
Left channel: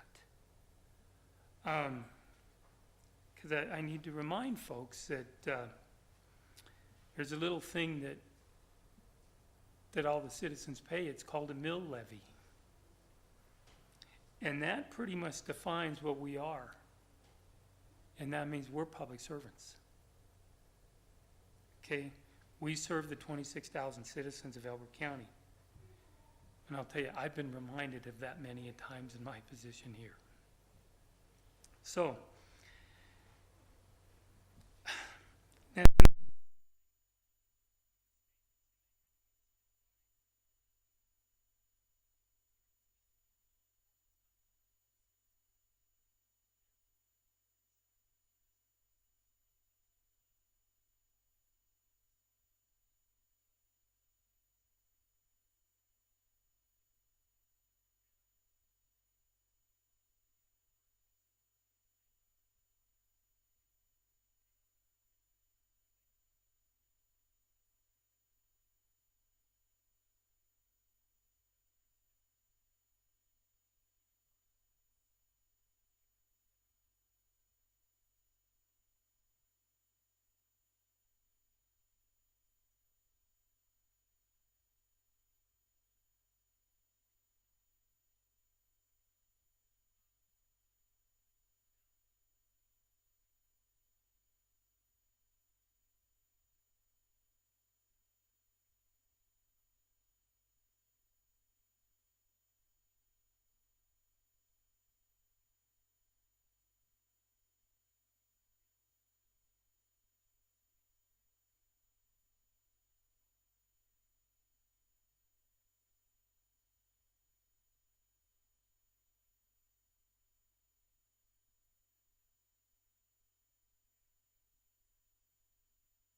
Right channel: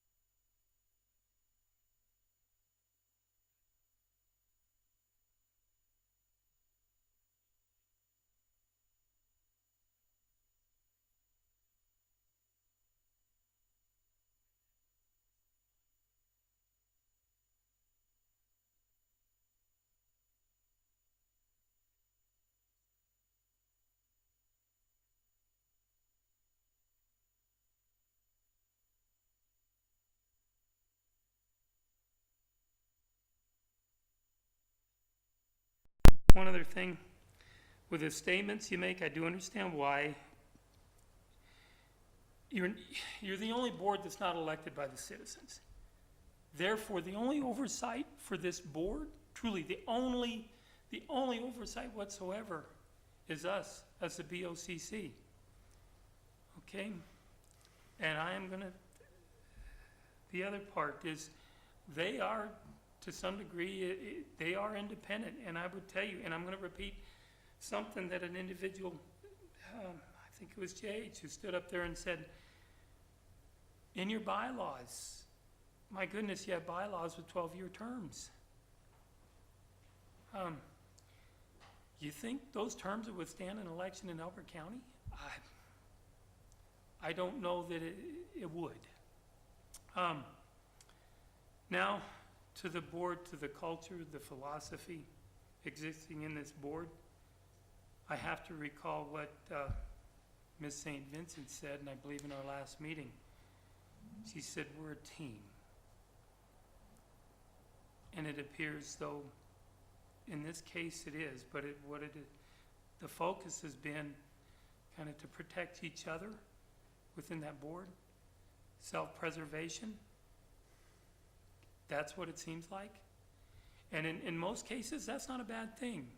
Because I need to remind folks that there's a little thing that all the citizens pay. It's called a mill levy. And that pretty much defines what we are. And that means we're public servants. Okay? We serve the 26,000 citizens of Elbert County. And I'll tell you, I've been reminded of that many a times in my position here. So, and one other thing, with the statements you make, I do understand why. You're the only board that's not elected by the citizens. Therefore, the only oversight for this board, truly the only oversight whatsoever, is us as the BoCC. Okay? And I am gonna, the other part is, they are, to some degree, they are independent, and I would tell you, and I'm gonna repeat something that an individual, I think it was JH, who stood up there and said, in your bylaws, my goodness, you have bylaws with 12-year terms. You think those terms would withstand an election in Elbert County? I don't know that it would. Now, to the board, to the culture, the philosophy existing in this board, I have to recall what Ms. St. Vincent said, and I believe in our last meeting. She said, we're a team. And it appears though, in this case it is, but the focus has been kind of to protect each other within that board, self-preservation. That's what it seems like. And in most cases, that's not a bad thing.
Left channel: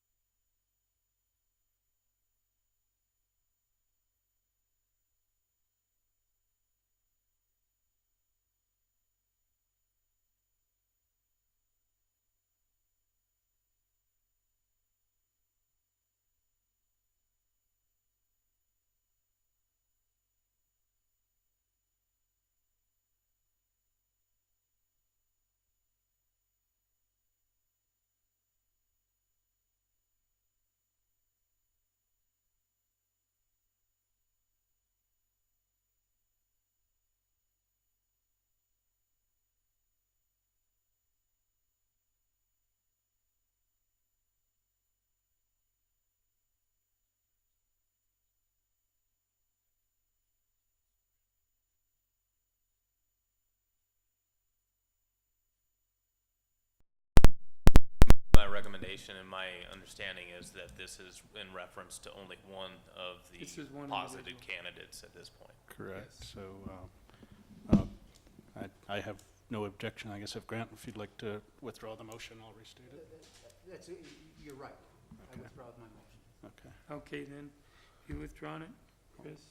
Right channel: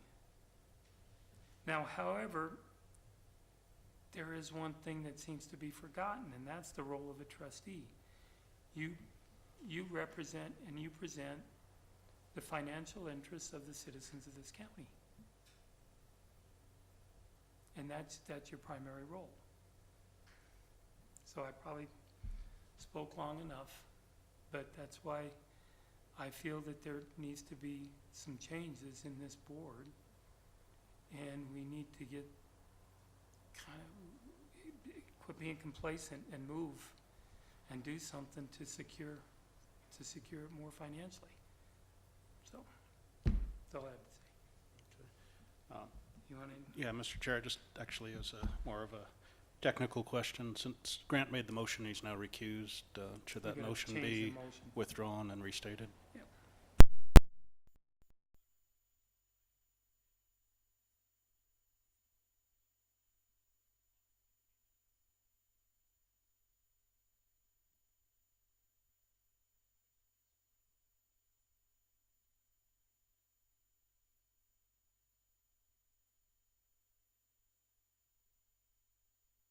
Now, however, there is one thing that seems to be forgotten, and that's the role of a trustee. You represent and you present the financial interests of the citizens of this county. And that's your primary role. So I probably spoke long enough, but that's why I feel that there needs to be some changes in this board, and we need to get kind of quit being complacent and move and do something to secure it more financially. So that's all I have to say. You want to? Yeah, Mr. Chair, just actually as more of a technical question, since Grant made the motion, he's now recused, should that motion be withdrawn and restated? Yep. My recommendation and my understanding is that this is in reference to only one of the positive candidates at this point. Correct. Yes. So I have no objection. I guess if Grant, if you'd like to withdraw the motion, I'll restate it. You're right. Okay. I withdraw my motion. Okay. Okay, then, you withdrawn it, Chris?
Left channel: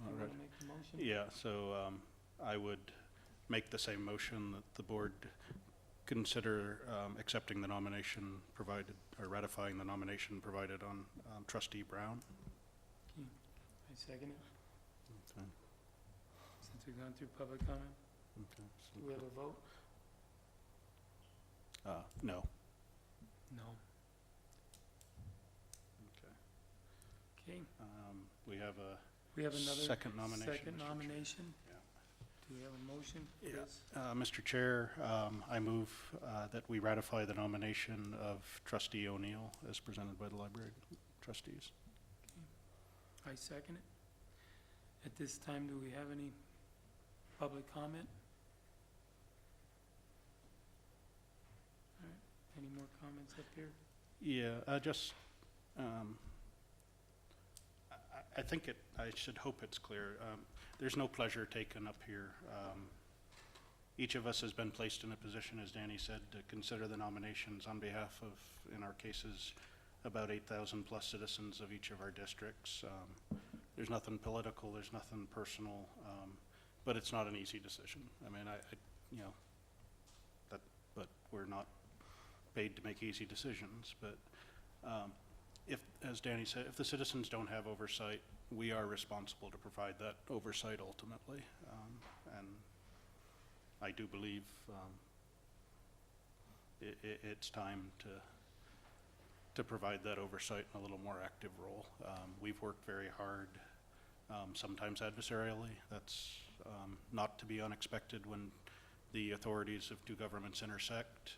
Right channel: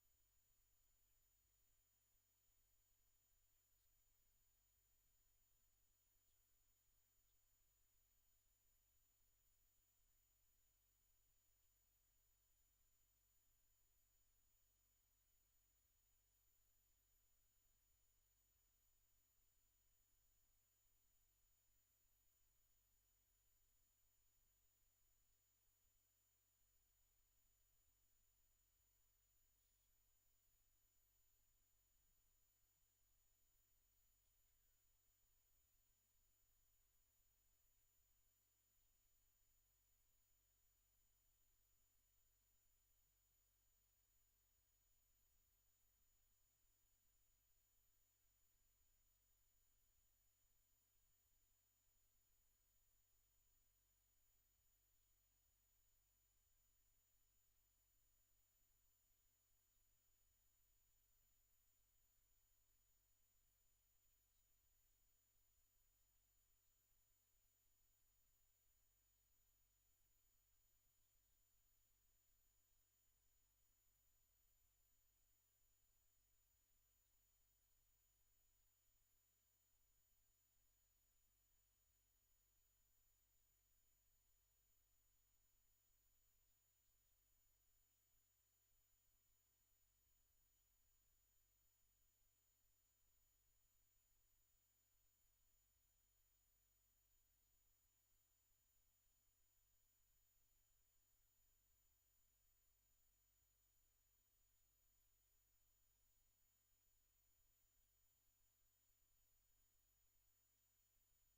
All You right. want to make the motion? Yeah, so I would make the same motion that the board consider accepting the nomination provided, or ratifying the nomination provided on Trustee Brown. Okay. I second it, Okay. since we've gone through public comment. Okay. Do we have a vote? No. No. Okay. Okay, We have another second nomination. second Mr. Chair. nomination. Yeah. Do we have a motion? Yeah. Chris? Mr. Chair, I move that we ratify the nomination of Trustee O'Neill as presented by the library trustees. I second it. At this time, do we have any public comment? All right, any more comments up here? Yeah, I think I should hope it's clear. There's no pleasure taken up here. Each of us has been placed in a position, as Danny said, to consider the nominations on behalf of, in our cases, about 8,000 plus citizens of each of our districts. There's nothing political, there's nothing personal, but it's not an easy decision. I mean, but we're not paid to make easy decisions. But if, as Danny said, if the citizens don't have oversight, we are responsible to provide that oversight ultimately. And I do believe it's time to provide that oversight in a little more active role. We've worked very hard, sometimes adversarially. That's not to be unexpected when the authorities of two governments intersect,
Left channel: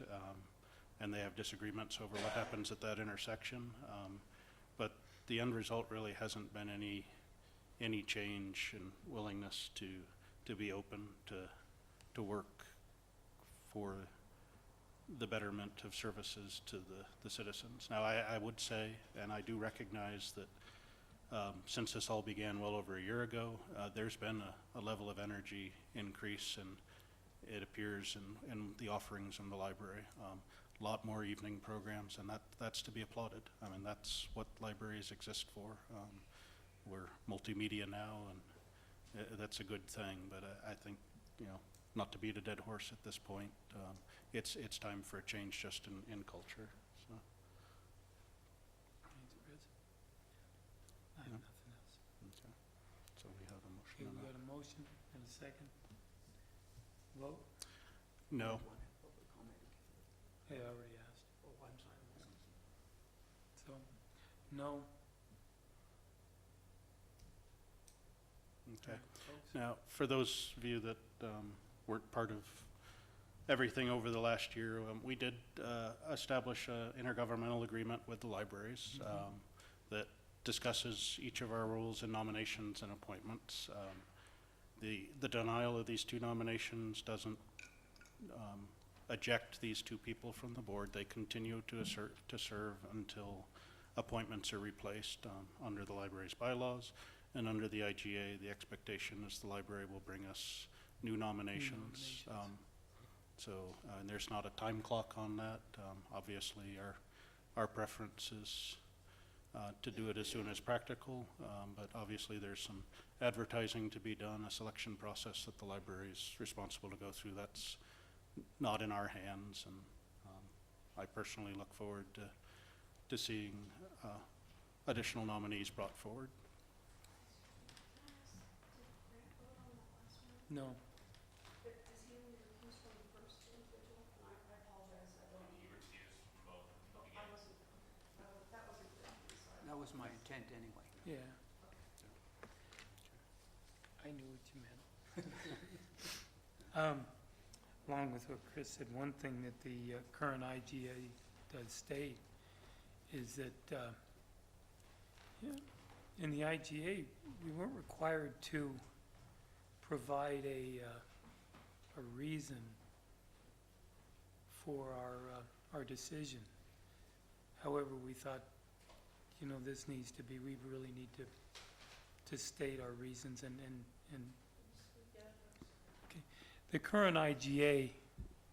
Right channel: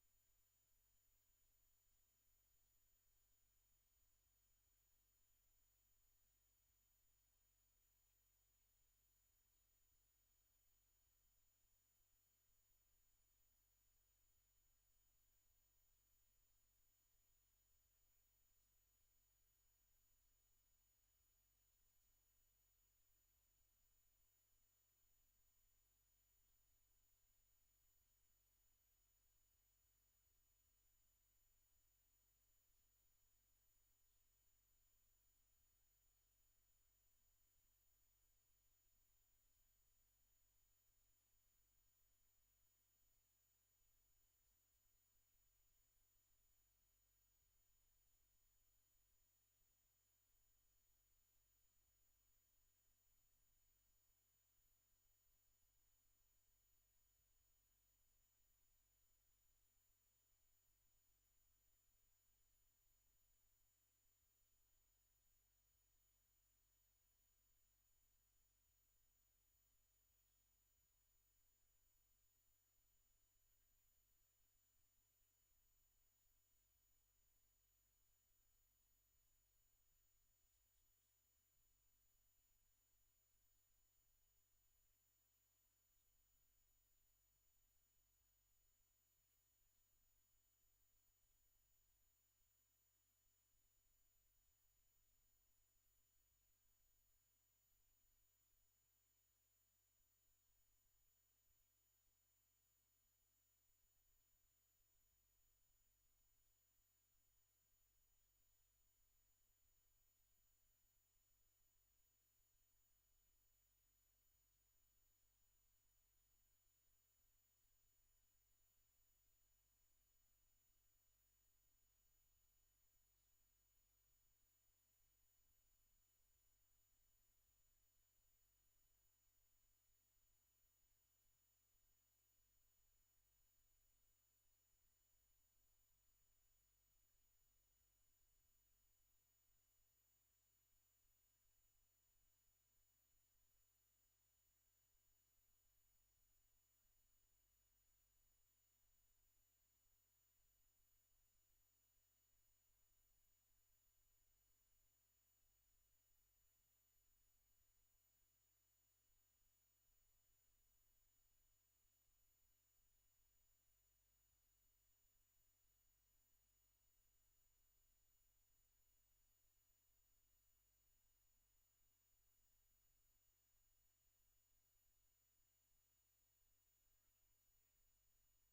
and they have disagreements over what happens at that intersection. But the end result really hasn't been any change in willingness to be open to work for the betterment of services to the citizens. Now, I would say, and I do recognize that since this all began well over a year ago, there's been a level of energy increase, and it appears in the offerings in the library. A lot more evening programs, and that's to be applauded. I mean, that's what libraries exist for. We're multimedia now, and that's a good thing, but I think, not to beat a dead horse at this point, it's time for a change just in culture. So. Thanks, Chris. I have nothing else. Okay. So we have a motion. Okay, on we that. got a motion and a second. Vote? No. I already asked. Oh, I'm sorry. So, no. Okay. Folks? Now, for those of you that weren't part of everything over the last year, we did establish an intergovernmental agreement with the libraries that discusses each of our roles in nominations and appointments. The denial of these two nominations doesn't eject these two people from the board. They continue to serve until appointments are replaced under the library's bylaws. And under the IGA, the expectation is the library will bring us new nominations. And there's not a time clock on that. Obviously, our preference is to do it as soon as practical, but obviously there's some advertising to be done, a selection process that the library is responsible to go through. That's not in our hands, and I personally look forward to seeing additional nominees brought forward. No. That was my intent anyway. Yeah. I knew what you meant. Along with what Chris said, one thing that the current IGA does state is that in the IGA, we weren't required to provide a reason for our decision. However, we thought, this needs to be, we really need to state our reasons and okay. The current IGA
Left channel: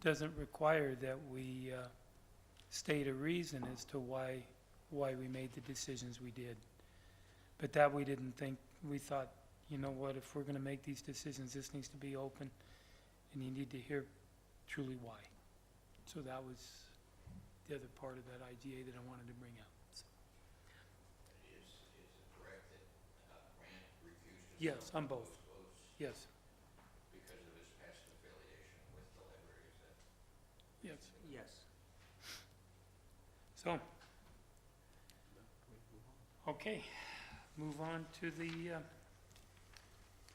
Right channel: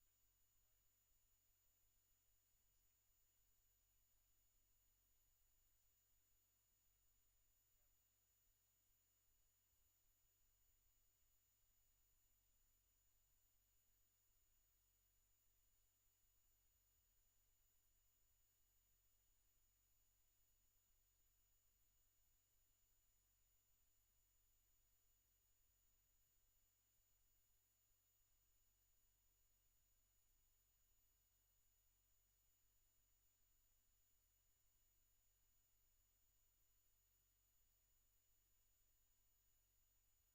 doesn't require that we state a reason as to why we made the decisions we did. But that we didn't think, we thought, you know what, if we're gonna make these decisions, this needs to be open, and you need to hear truly why. So that was the other part of that IGA that I wanted to bring out. So. Is it correct that Grant refused to Yes, serve on both. those votes Yes, because of his past affiliation with the library? Is that? yes. Yes. So, okay, move on to the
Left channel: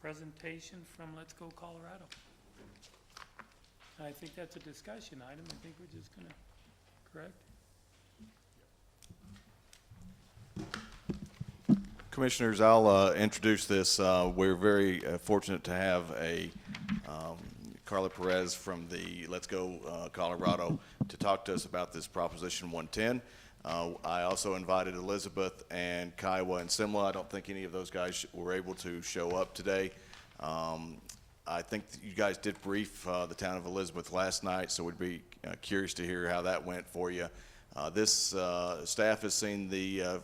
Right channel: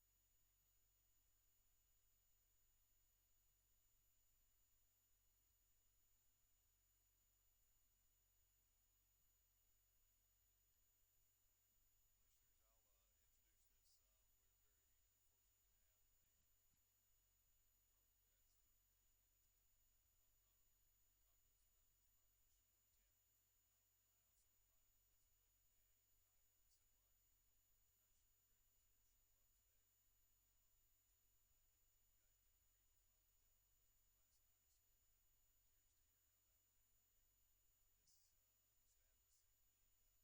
presentation from Let's Go Colorado. I think that's a discussion item. I think we're just gonna, correct? Commissioners, I'll introduce this. We're very fortunate to have Carla Perez from the Let's Go Colorado to talk to us about this Proposition 110. I also invited Elizabeth and Kiowa and Simla. I don't think any of those guys were able to show up today. I think you guys did brief the town of Elizabeth last night, so we'd be curious to hear how that went for you. This staff has seen the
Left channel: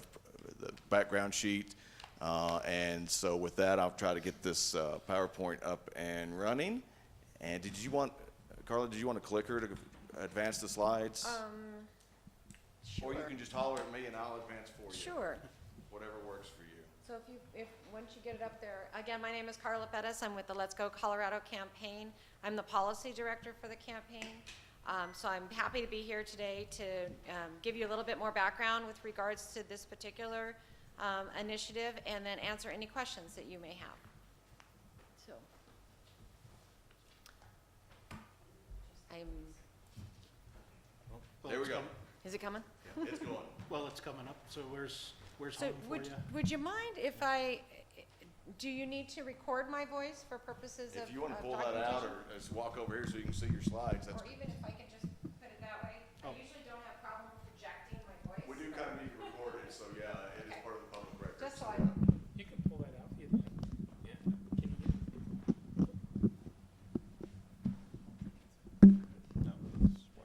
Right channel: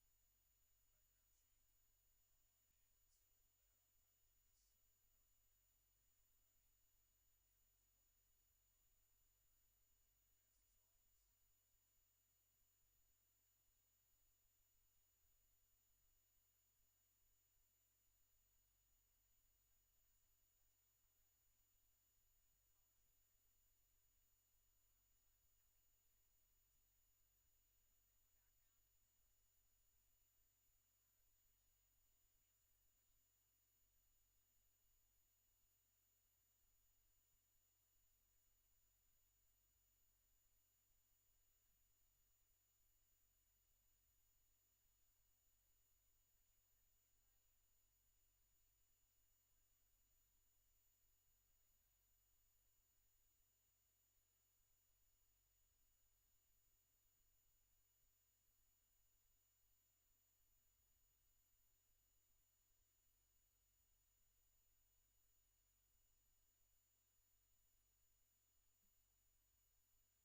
background sheet, and so with that, I'll try to get this PowerPoint up and running. And did you want, Carla, did you want a clicker to advance the slides? Or you can just holler at me and I'll advance for you. Sure. Whatever works for you. So once you get it up there, again, my name is Carla Pettis. I'm with the Let's Go Colorado campaign. I'm the policy director for the campaign. So I'm happy to be here today to give you a little bit more background with regards to this particular initiative and then answer any questions that you may have. So There we go. is it coming? Yeah, it's going. Well, it's coming up, so where's So home for you? would you mind if do you need to record my voice for purposes of If you want to pull that out documentation? or just walk over here so you can see your slides, that's, Or even if I could just put it that way? Oh. I usually don't have problem projecting my voice. we do kind of need to record it, so yeah, it is part of the public record. Just so I, You can pull that out if you'd like. Yeah. Can you get it?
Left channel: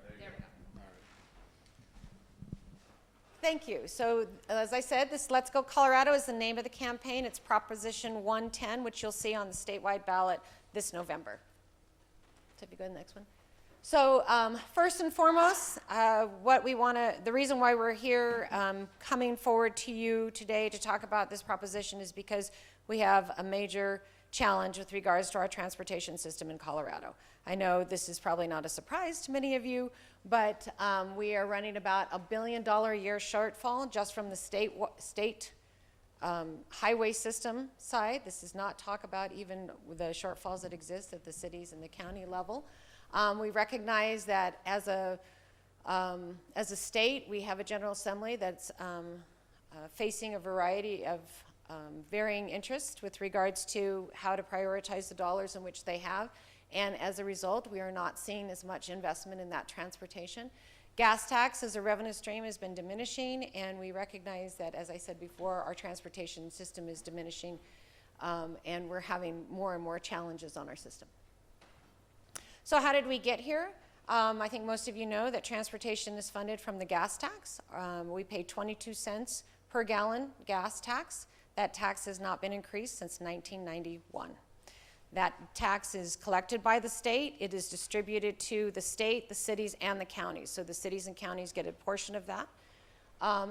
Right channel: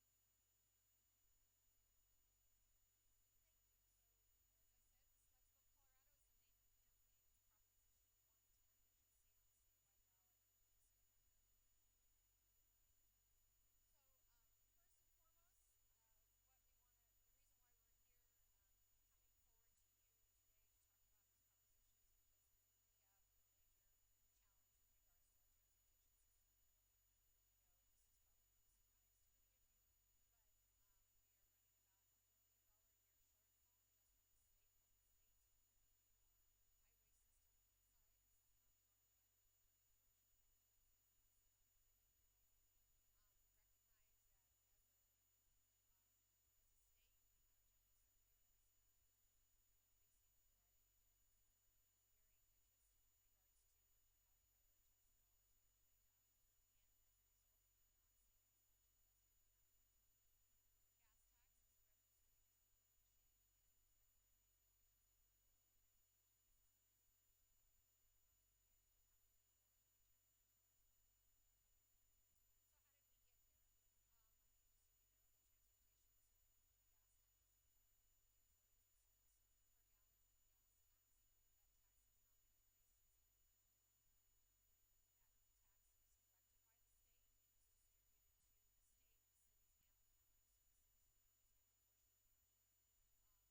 there we go. Thank you. So as I said, this Let's Go Colorado is the name of the campaign. It's Proposition 110, which you'll see on the statewide ballot this November. So if you go to the next one. So first and foremost, the reason why we're here coming forward to you today to talk about this proposition is because we have a major challenge with regards to our transportation system in Colorado. I know this is probably not a surprise to many of you, but we are running about $1 billion a year shortfall just from the state highway system side. This does not talk about even the shortfalls that exist at the cities and the county level. We recognize that as a state, we have a General Assembly that's facing a variety of varying interests with regards to how to prioritize the dollars in which they have. And as a result, we are not seeing as much investment in that transportation. Gas tax as a revenue stream has been diminishing, and we recognize that, as I said before, our transportation system is diminishing, and we're having more and more challenges on our system. So how did we get here? I think most of you know that transportation is funded from the gas tax. We pay 22 cents per gallon gas tax. That tax has not been increased since 1991. That tax is collected by the state. It is distributed to the state, the cities, and the counties. So the cities and counties get a portion of that.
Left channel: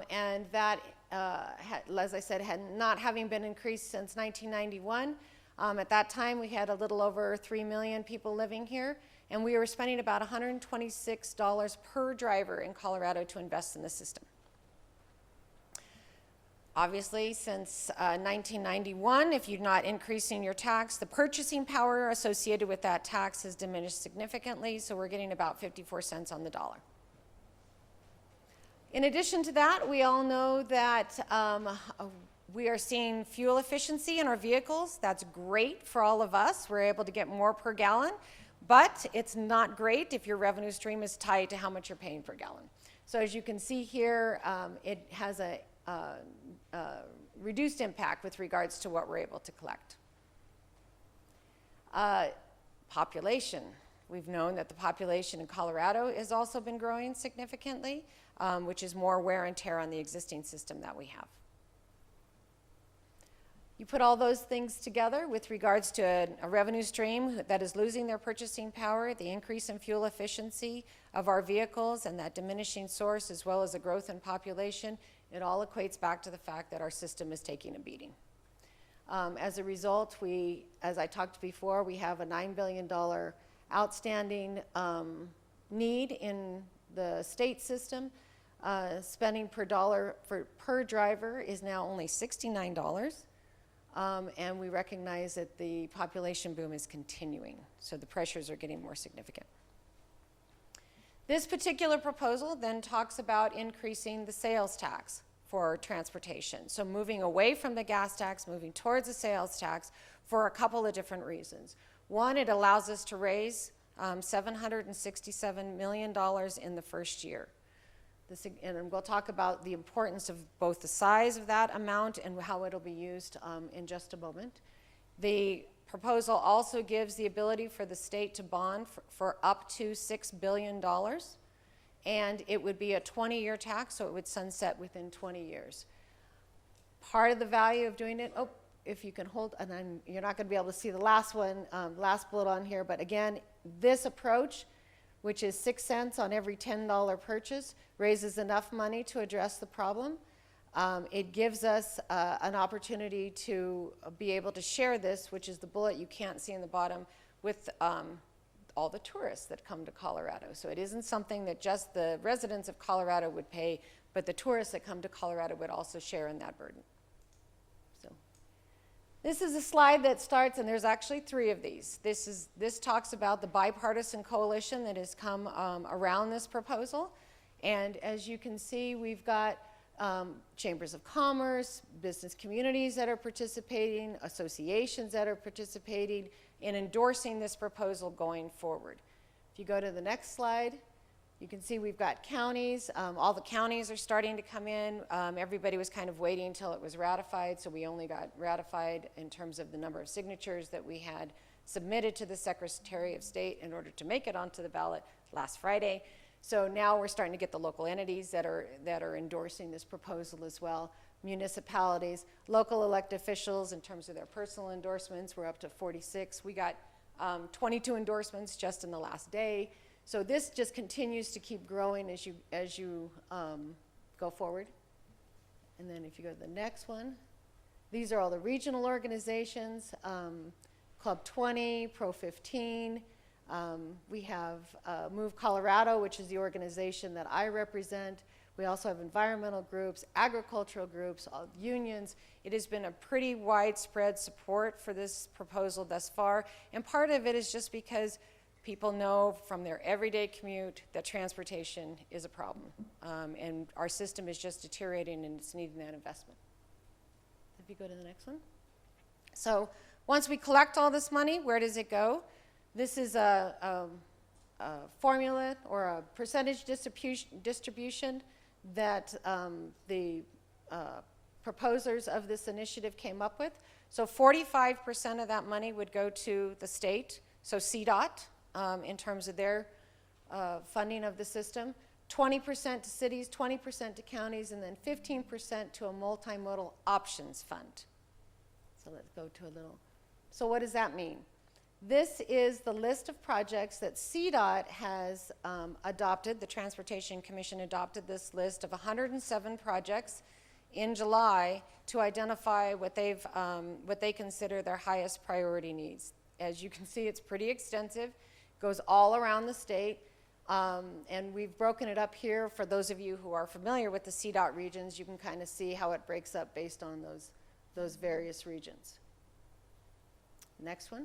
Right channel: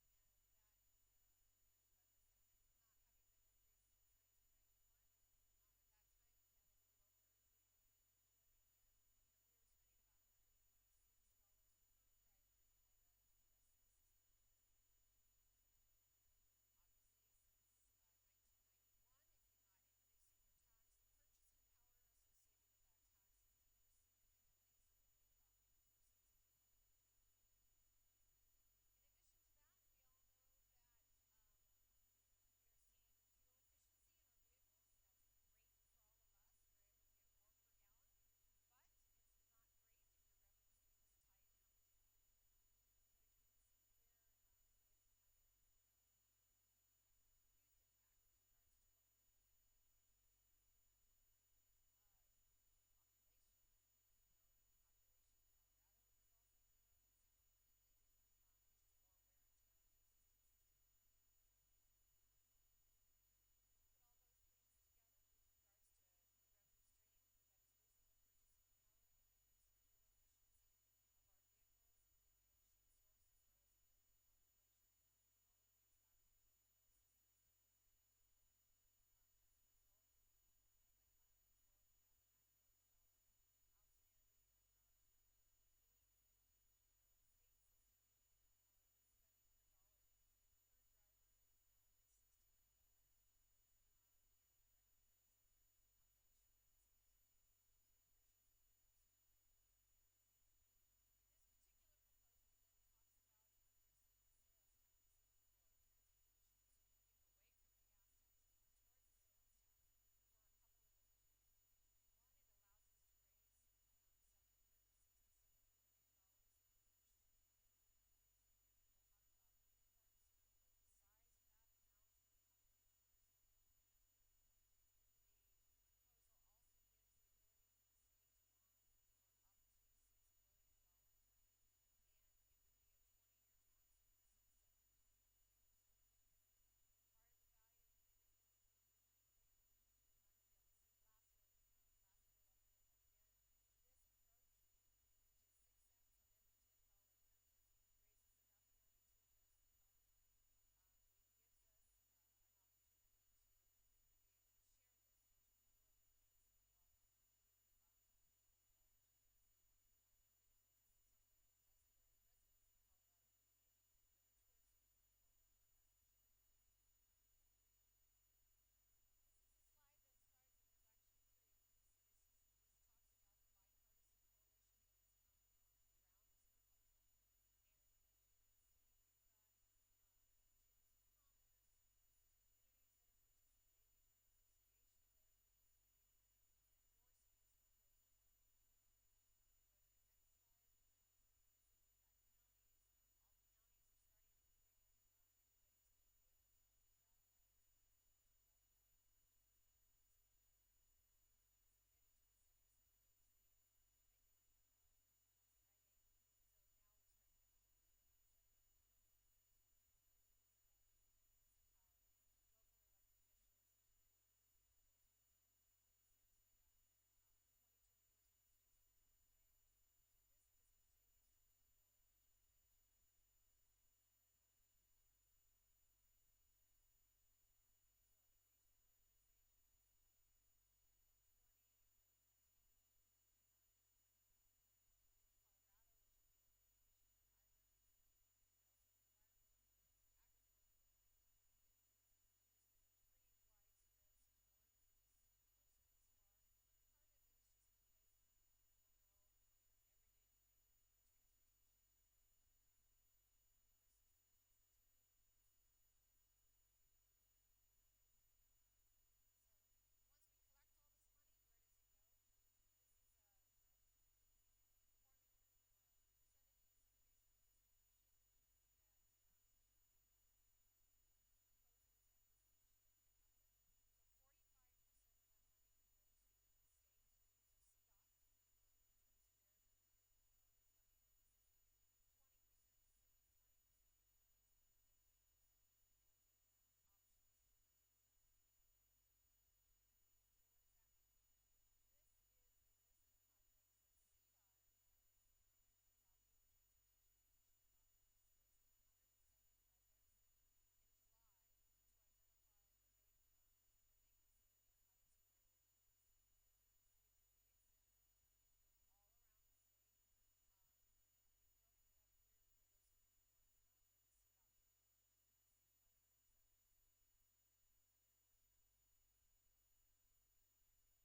And that, as I said, not having been increased since 1991. At that time, we had a little over 3 million people living here, and we were spending about $126 per driver in Colorado to invest in the system. Obviously, since 1991, if you're not increasing your tax, the purchasing power associated with that tax has diminished significantly, so we're getting about 54 cents on the dollar. In addition to that, we all know that we are seeing fuel efficiency in our vehicles. That's great for all of us. We're able to get more per gallon, but it's not great if your revenue stream is tied to how much you're paying per gallon. So as you can see here, it has a reduced impact with regards to what we're able to collect. Population. We've known that the population in Colorado has also been growing significantly, which is more wear and tear on the existing system that we have. You put all those things together with regards to a revenue stream that is losing their purchasing power, the increase in fuel efficiency of our vehicles, and that diminishing source, as well as the growth in population, it all equates back to the fact that our system is taking a beating. As a result, as I talked before, we have a $9 billion outstanding need in the state system. Spending per driver is now only $69. And we recognize that the population boom is continuing, so the pressures are getting more significant. This particular proposal then talks about increasing the sales tax for transportation. So moving away from the gas tax, moving towards the sales tax for a couple of different reasons. One, it allows us to raise $767 million in the first year. And we'll talk about the importance of both the size of that amount and how it'll be used in just a moment. The proposal also gives the ability for the state to bond for up to $6 billion. And it would be a 20-year tax, so it would sunset within 20 years. Part of the value of doing it, if you can hold, and you're not going to be able to see the last one, last bullet on here, but again, this approach which is 6 cents on every $10 purchase, raises enough money to address the problem. It gives us an opportunity to be able to share this, which is the bullet you can't see in the bottom, with all the tourists that come to Colorado. So it isn't something that just the residents of Colorado would pay, but the tourists that come to Colorado would also share in that burden. So this is a slide that starts, and there's actually 3 of these. This talks about the bipartisan coalition that has come around this proposal. And as you can see, we've got chambers of commerce, business communities that are participating, associations that are participating in endorsing this proposal going forward. If you go to the next slide, you can see we've got counties. All the counties are starting to come in. Everybody was kind of waiting until it was ratified, so we only got ratified in terms of the number of signatures that we had submitted to the Secretary of State in order to make it onto the ballot last Friday. So now we're starting to get the local entities that are endorsing this proposal as well. Municipalities, local elected officials in terms of their personal endorsements, we're up to 46. We got 22 endorsements just in the last day. So this just continues to keep growing as you go forward. And then if you go to the next one, these are all the regional organizations, Club 20, Pro 15. We have Move Colorado, which is the organization that I represent. We also have environmental groups, agricultural groups, unions. It has been a pretty widespread support for this proposal thus far. And part of it is just because people know from their everyday commute that transportation is a problem. And our system is just deteriorating and it's needing that investment. If you go to the next one. So once we collect all this money, where does it go? This is a formula or a percentage distribution that the proposers of this initiative came up with. So 45% of that money would go to the state, so CDOT, in terms of their funding of the system, 20% to cities, 20% to counties, and then 15% to a multimodal options fund. So let's go to a little. So what does that mean? This is the list of projects that CDOT has adopted. The Transportation Commission adopted this list of 107 projects in July to identify what they consider their highest priority needs. As you can see, it's pretty extensive, goes all around the state, and we've broken it up here. For those of you who are familiar with the CDOT regions, you can kind of see how it breaks up based on those various regions. Next one.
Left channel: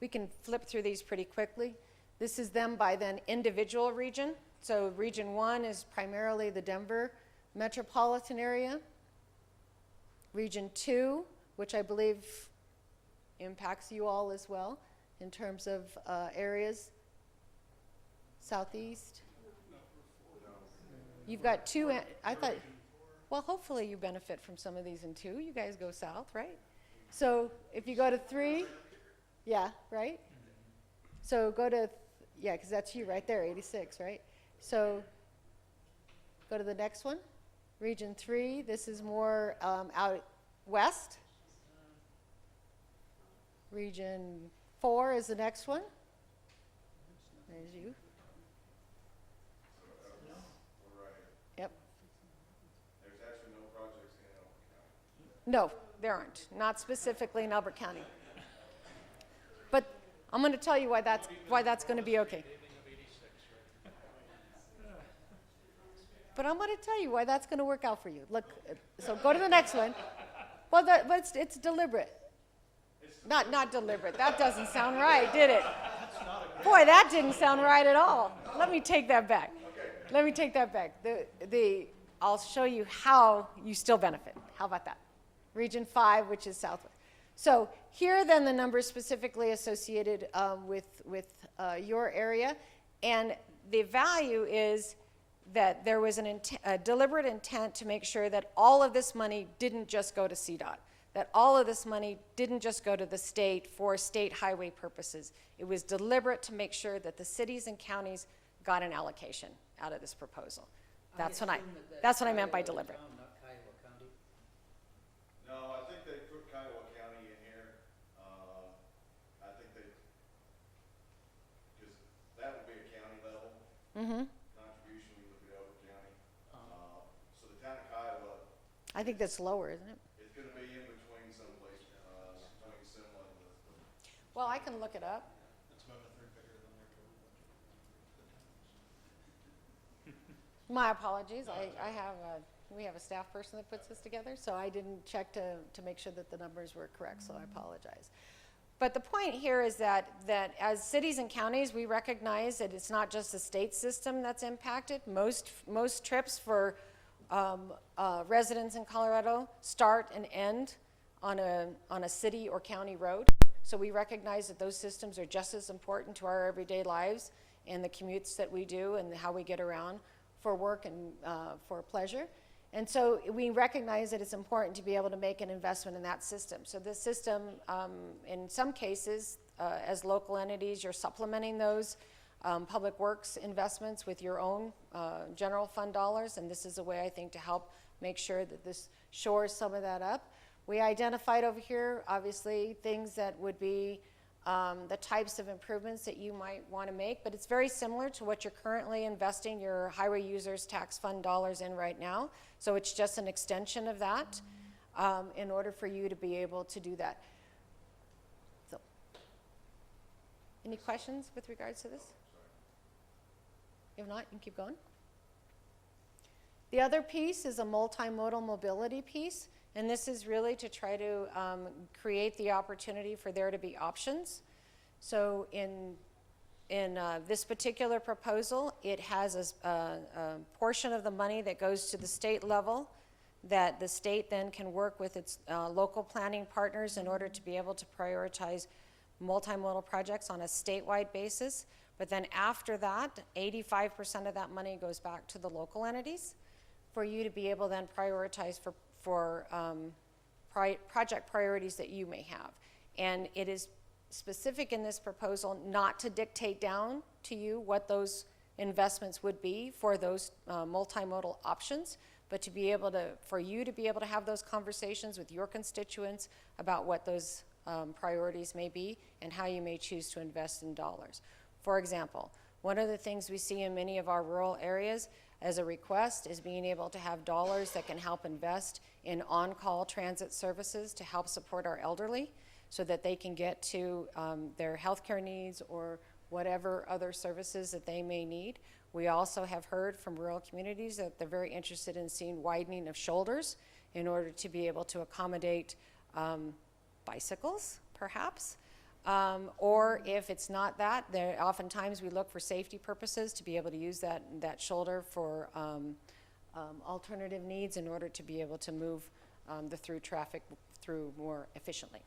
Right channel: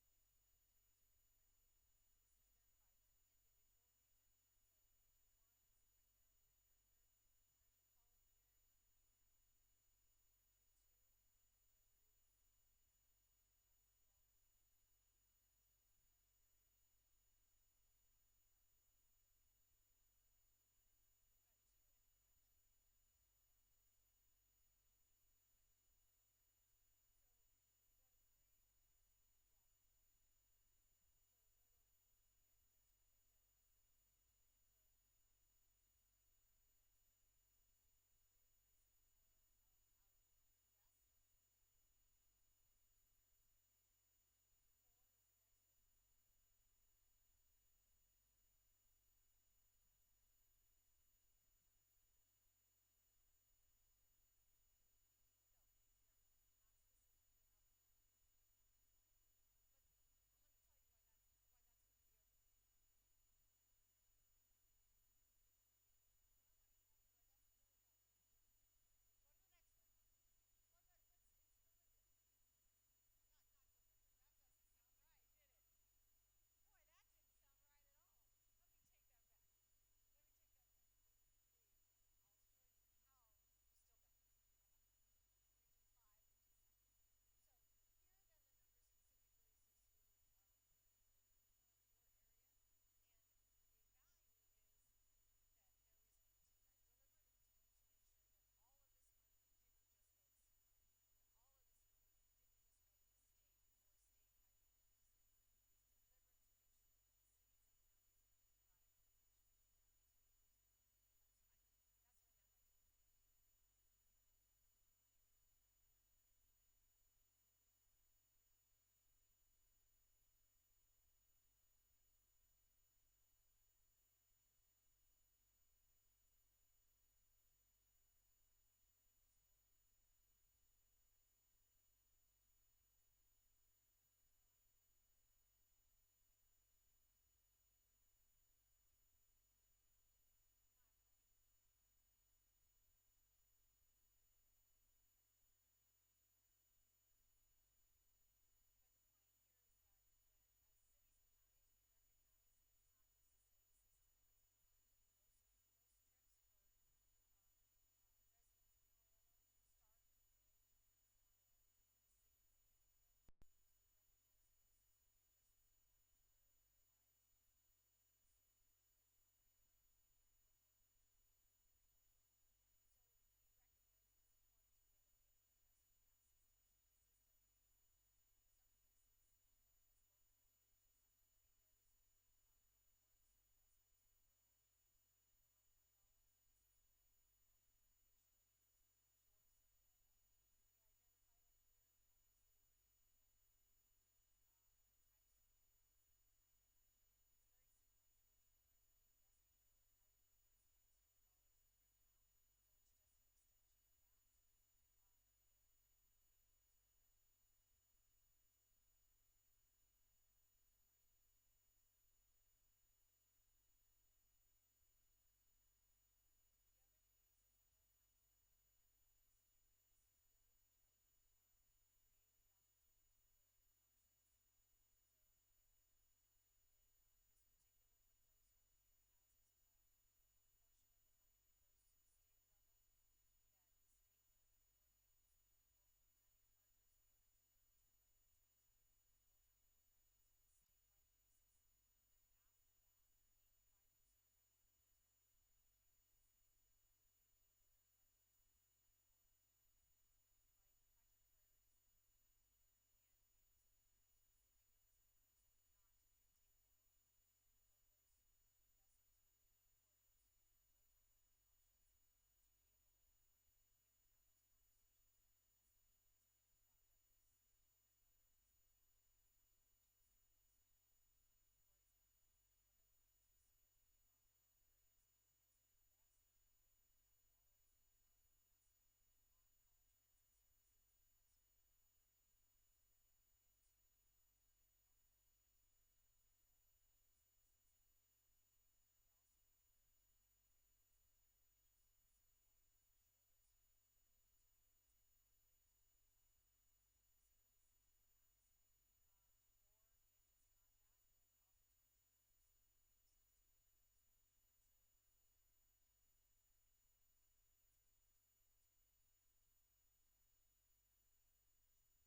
We can flip through these pretty quickly. This is them by then individual region. So region 1 is primarily the Denver metropolitan area. Region 2, which I believe impacts you all as well in terms of areas. Southeast. You've got 2, I thought, well, hopefully you benefit from some of these in 2. You guys go south, right? So if you go to 3, yeah, right? So go to, yeah, because that's you right there, 86, right? So go to the next one. Region 3, this is more out west. Region 4 is the next one. There's you. Yep. There's actually no projects in Elbert County. No, there aren't. Not specifically in Elbert County. But I'm going to tell you why that's going to be okay. But I'm going to tell you why that's going to work out for you. Look, so go to the next one. Well, but it's deliberate. Not deliberate. That doesn't sound right, did it? Boy, that didn't sound right at all. Let me take that back. Let me take that back. I'll show you how you still benefit. How about that? Region 5, which is southwest. So here are then the numbers specifically associated with your area. And the value is that there was a deliberate intent to make sure that all of this money didn't just go to CDOT, that all of this money didn't just go to the state for state highway purposes. It was deliberate to make sure that the cities and counties got an allocation out of this proposal. That's what I meant by deliberate. No, I think they put Kiowa County in here. I think because that would be a county level. contribution we look at Elbert County. So the town of Kiowa, I think that's lower, isn't it? it's gonna be in between someplace, between Simla and Elizabeth. Well, I can look it up. That's about a third bigger than their total budget for the towns. My apologies. We have a staff person that puts this together, so I didn't check to make sure that the numbers were correct, so I apologize. But the point here is that as cities and counties, we recognize that it's not just the state system that's impacted. Most trips for residents in Colorado start and end on a city or county road. So we recognize that those systems are just as important to our everyday lives and the commutes that we do and how we get around for work and for pleasure. And so we recognize that it's important to be able to make an investment in that system. So this system, in some cases, as local entities, you're supplementing those public works investments with your own general fund dollars, and this is a way, I think, to help make sure that this shores some of that up. We identified over here, obviously, things that would be the types of improvements that you might want to make, but it's very similar to what you're currently investing your highway users tax fund dollars in right now. So it's just an extension of that in order for you to be able to do that. So, any questions with regards to this? If not, you can keep going. The other piece is a multimodal mobility piece, and this is really to try to create the opportunity for there to be options. So in this particular proposal, it has a portion of the money that goes to the state level that the state then can work with its local planning partners in order to be able to prioritize multimodal projects on a statewide basis. But then after that, 85% of that money goes back to the local entities for you to be able then prioritize for project priorities that you may have. And it is specific in this proposal not to dictate down to you what those investments would be for those multimodal options, but to be able to, for you to be able to have those conversations with your constituents about what those priorities may be and how you may choose to invest in dollars. For example, one of the things we see in many of our rural areas as a request is being able to have dollars that can help invest in on-call transit services to help support our elderly so that they can get to their healthcare needs or whatever other services that they may need. We also have heard from rural communities that they're very interested in seeing widening of shoulders in order to be able to accommodate bicycles, perhaps. Or if it's not that, oftentimes we look for safety purposes to be able to use that shoulder for alternative needs in order to be able to move the through traffic through more efficiently.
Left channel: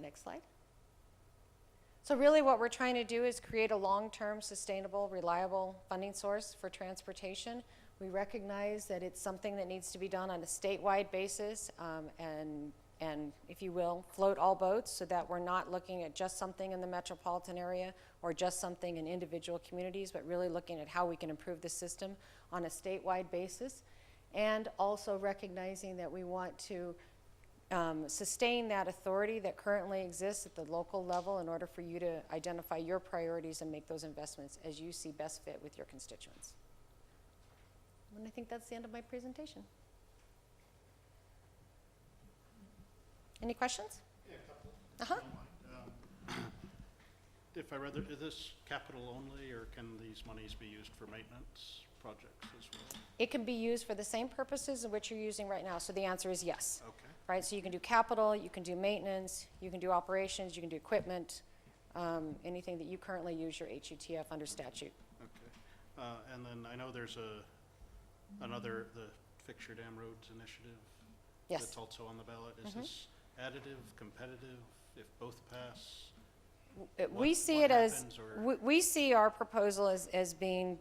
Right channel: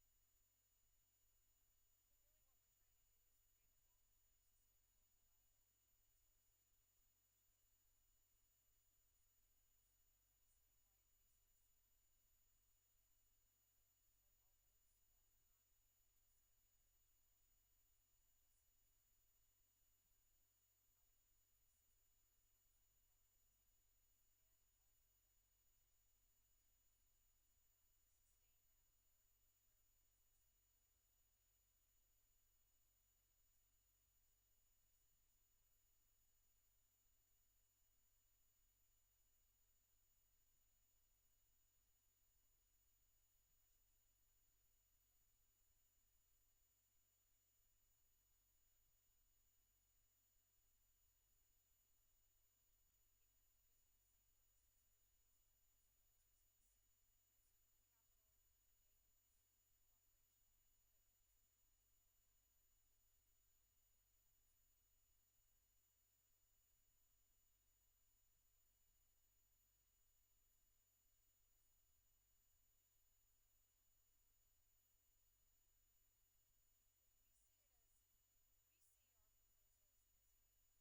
Next slide. So really what we're trying to do is create a long-term, sustainable, reliable funding source for transportation. We recognize that it's something that needs to be done on a statewide basis and, if you will, float all boats so that we're not looking at just something in the metropolitan area or just something in individual communities, but really looking at how we can improve the system on a statewide basis. And also recognizing that we want to sustain that authority that currently exists at the local level in order for you to identify your priorities and make those investments as you see best fit with your constituents. And I think that's the end of my presentation. Any questions? Yeah, a couple. Uh-huh. If I read, is this capital only, or can these monies be used for maintenance projects as well? It can be used for the same purposes in which you're using right now, so the answer is yes. Okay. Right, so you can do capital, you can do maintenance, you can do operations, you can do equipment, anything that you currently use your HUTF under statute. Okay. And then I know there's the Fix Your Dam Roads initiative. Yes. That's also on the ballot. Is this additive, competitive, if both pass? We see it as, we see our proposal as being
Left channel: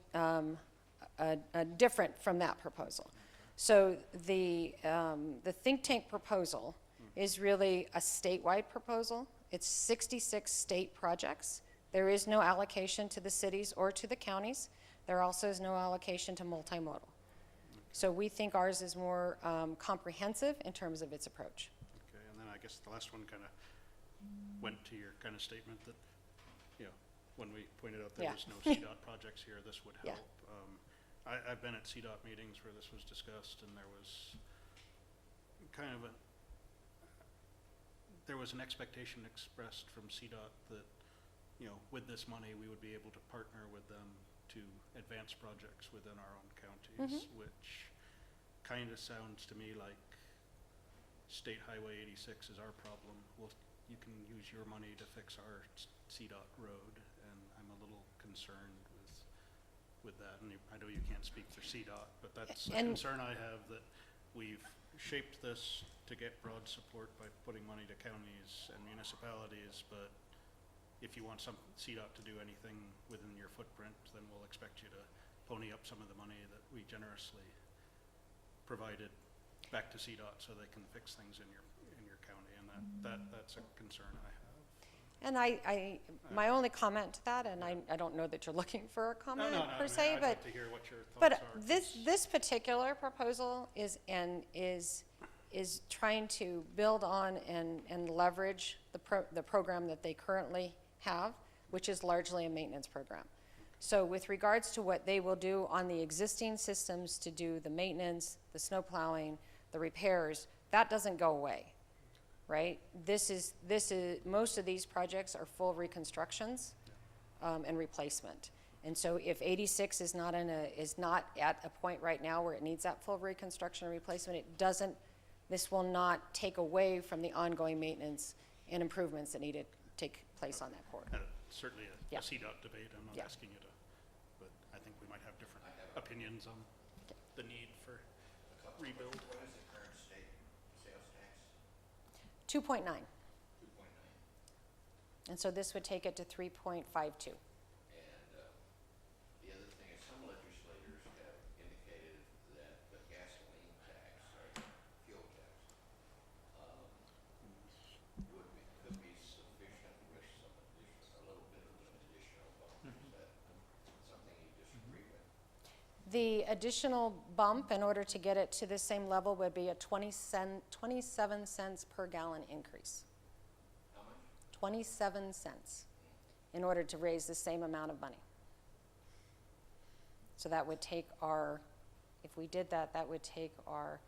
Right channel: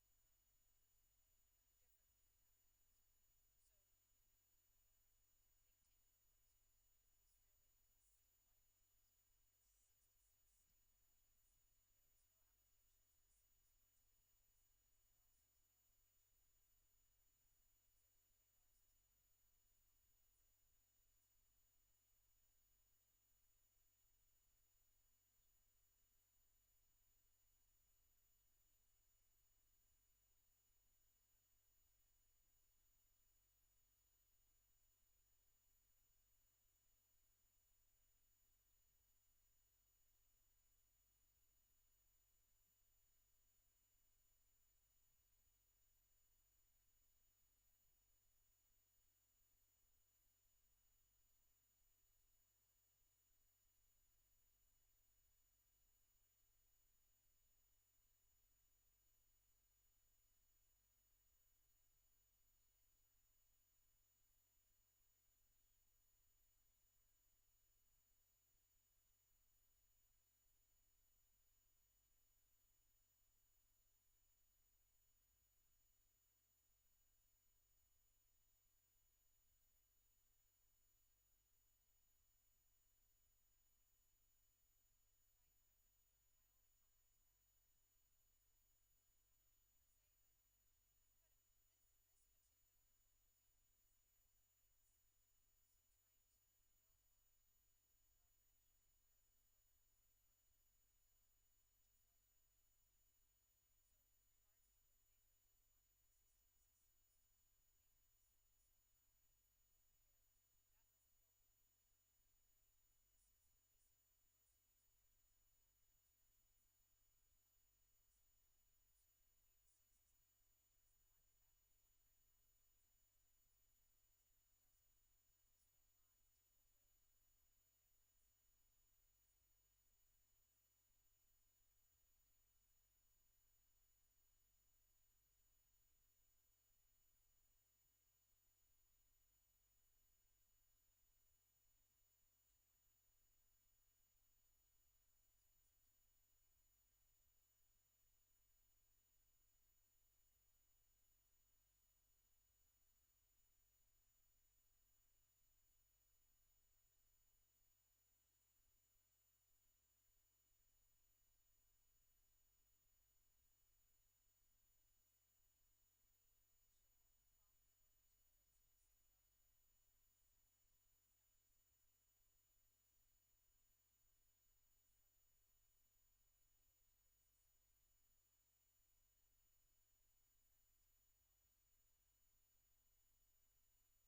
different from that proposal. So the think tank proposal is really a statewide proposal. It's 66 state projects. There is no allocation to the cities or to the counties. There also is no allocation to multimodal. So we think ours is more comprehensive in terms of its approach. Okay, and then I guess the last one kind of went to your kind of statement that, when we pointed out there Yeah. was no CDOT projects here, this would Yeah. help. I've been at CDOT meetings where this was discussed, and there was kind of there was an expectation expressed from CDOT that, with this money, we would be able to partner with them to advance projects within our own counties, which kind of sounds to me like State Highway 86 is our problem. Well, you can use your money to fix our CDOT road, and I'm a little concerned with that. And I know you can't speak for CDOT, but that's a concern I have, that we've shaped this to get broad support by putting money to counties and municipalities, but if you want some CDOT to do anything within your footprint, then we'll expect you to pony up some of the money that we generously provided back to CDOT so they can fix things in your county, and that's a concern I have. And my only comment to that, and I don't know that you're looking for a comment per I se, mean, I'd but like to hear what your thoughts are. this particular proposal is trying to build on and leverage the program that they currently have, which is largely a maintenance program. So with regards to what they will do on the existing systems to do the maintenance, the snow plowing, the repairs, that doesn't go away, right? This is most of these projects are full reconstructions and replacement. And so if 86 is not at a point right now where it needs that full reconstruction and replacement, this will not take away from the ongoing maintenance and improvements that need to take place on that corridor. Certainly a CDOT debate, I'm not asking you to, but I think we might have different opinions on the need for rebuild. What is the current state sales tax? 2.9. 2.9. And so this would take it to 3.52. And the other thing is, some legislators have indicated that the gasoline tax, or fuel tax, could be sufficient with a little bit of an additional bump. Is that something you disagree with? The additional bump, in order to get it to the same level, would be a 27 cents per gallon increase. How much? 27 cents in order to raise the same amount of money. So that would take if we did that, that would take our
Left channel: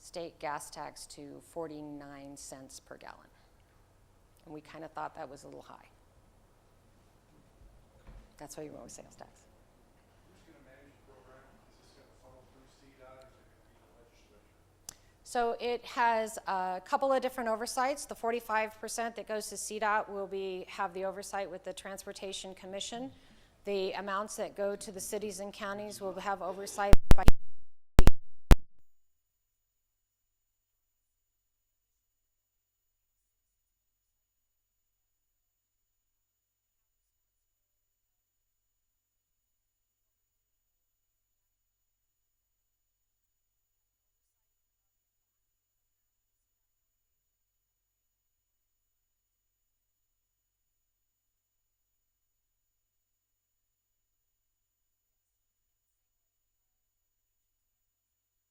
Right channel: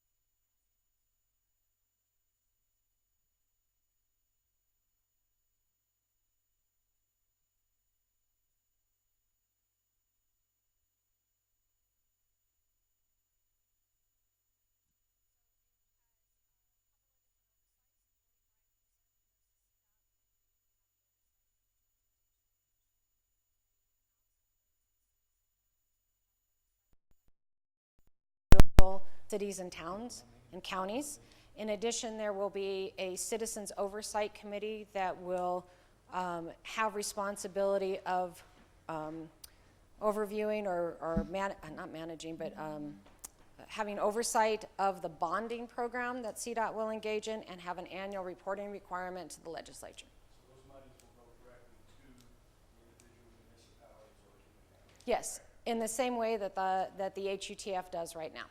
state gas tax to 49 cents per gallon. And we kind of thought that was a little high. That's why you went with sales tax. Who's going to manage the program? Is this going to funnel through CDOT, or is it going to be the legislature? So it has a couple of different oversights. The 45% that goes to CDOT will have the oversight with the Transportation Commission. The amounts that go to the cities and counties will have oversight by cities and towns and counties. In addition, there will be a Citizens Oversight Committee that will have responsibility of overviewing or not managing, but having oversight of the bonding program that CDOT will engage in, and have an annual reporting requirement to the legislature. So those monies will go directly to the individual municipalities or to the county? Yes, in the same way that the HUTF does right now.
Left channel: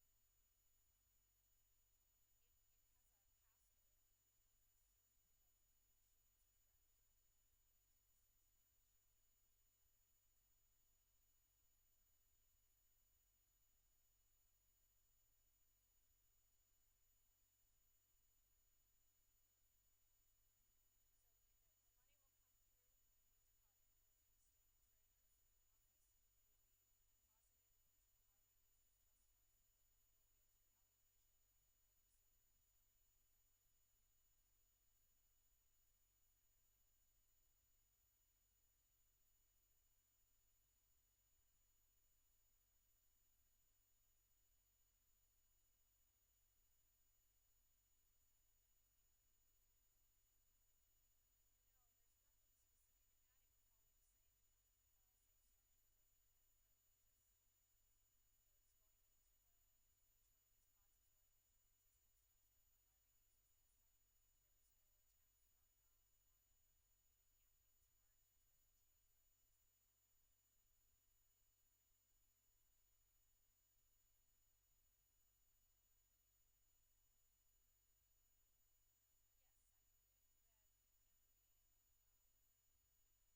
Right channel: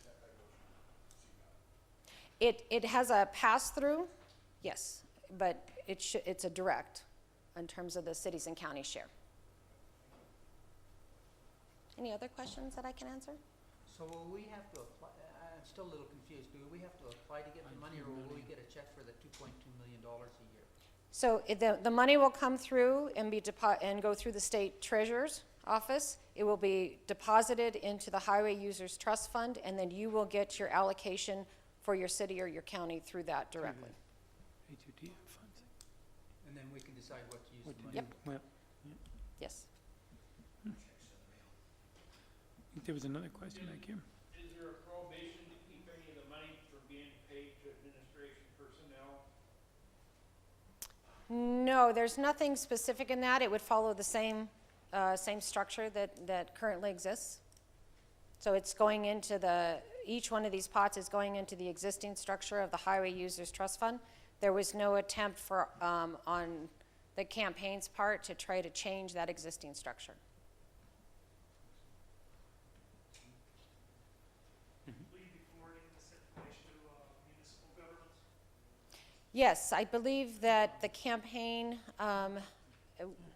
Except that goes through CDOT? It has a pass-through, yes, but it's a direct in terms of the cities and counties share. Any other questions that I can answer? So will we have to apply, I'm still a little confused, do we have to apply to get the money, or will we get a check for the $2.2 million a year? So the money will come through and go through the state treasurer's office. It will be deposited into the Highway Users Trust Fund, and then you will get your allocation for your city or your county through that directly. HUTF funds. And then we can decide what to use What the to money. do. Well, Yes. I think there was another question back here. Is there a prohibition to keep any of the money from being paid to administration personnel? No, there's nothing specific in that. It would follow the same structure that currently exists. So it's going into each one of these pots is going into the existing structure of the Highway Users Trust Fund. There was no attempt on the campaign's part to try to change that existing structure. Will you be forwarding this information to municipal governments? Yes, I believe that the campaign,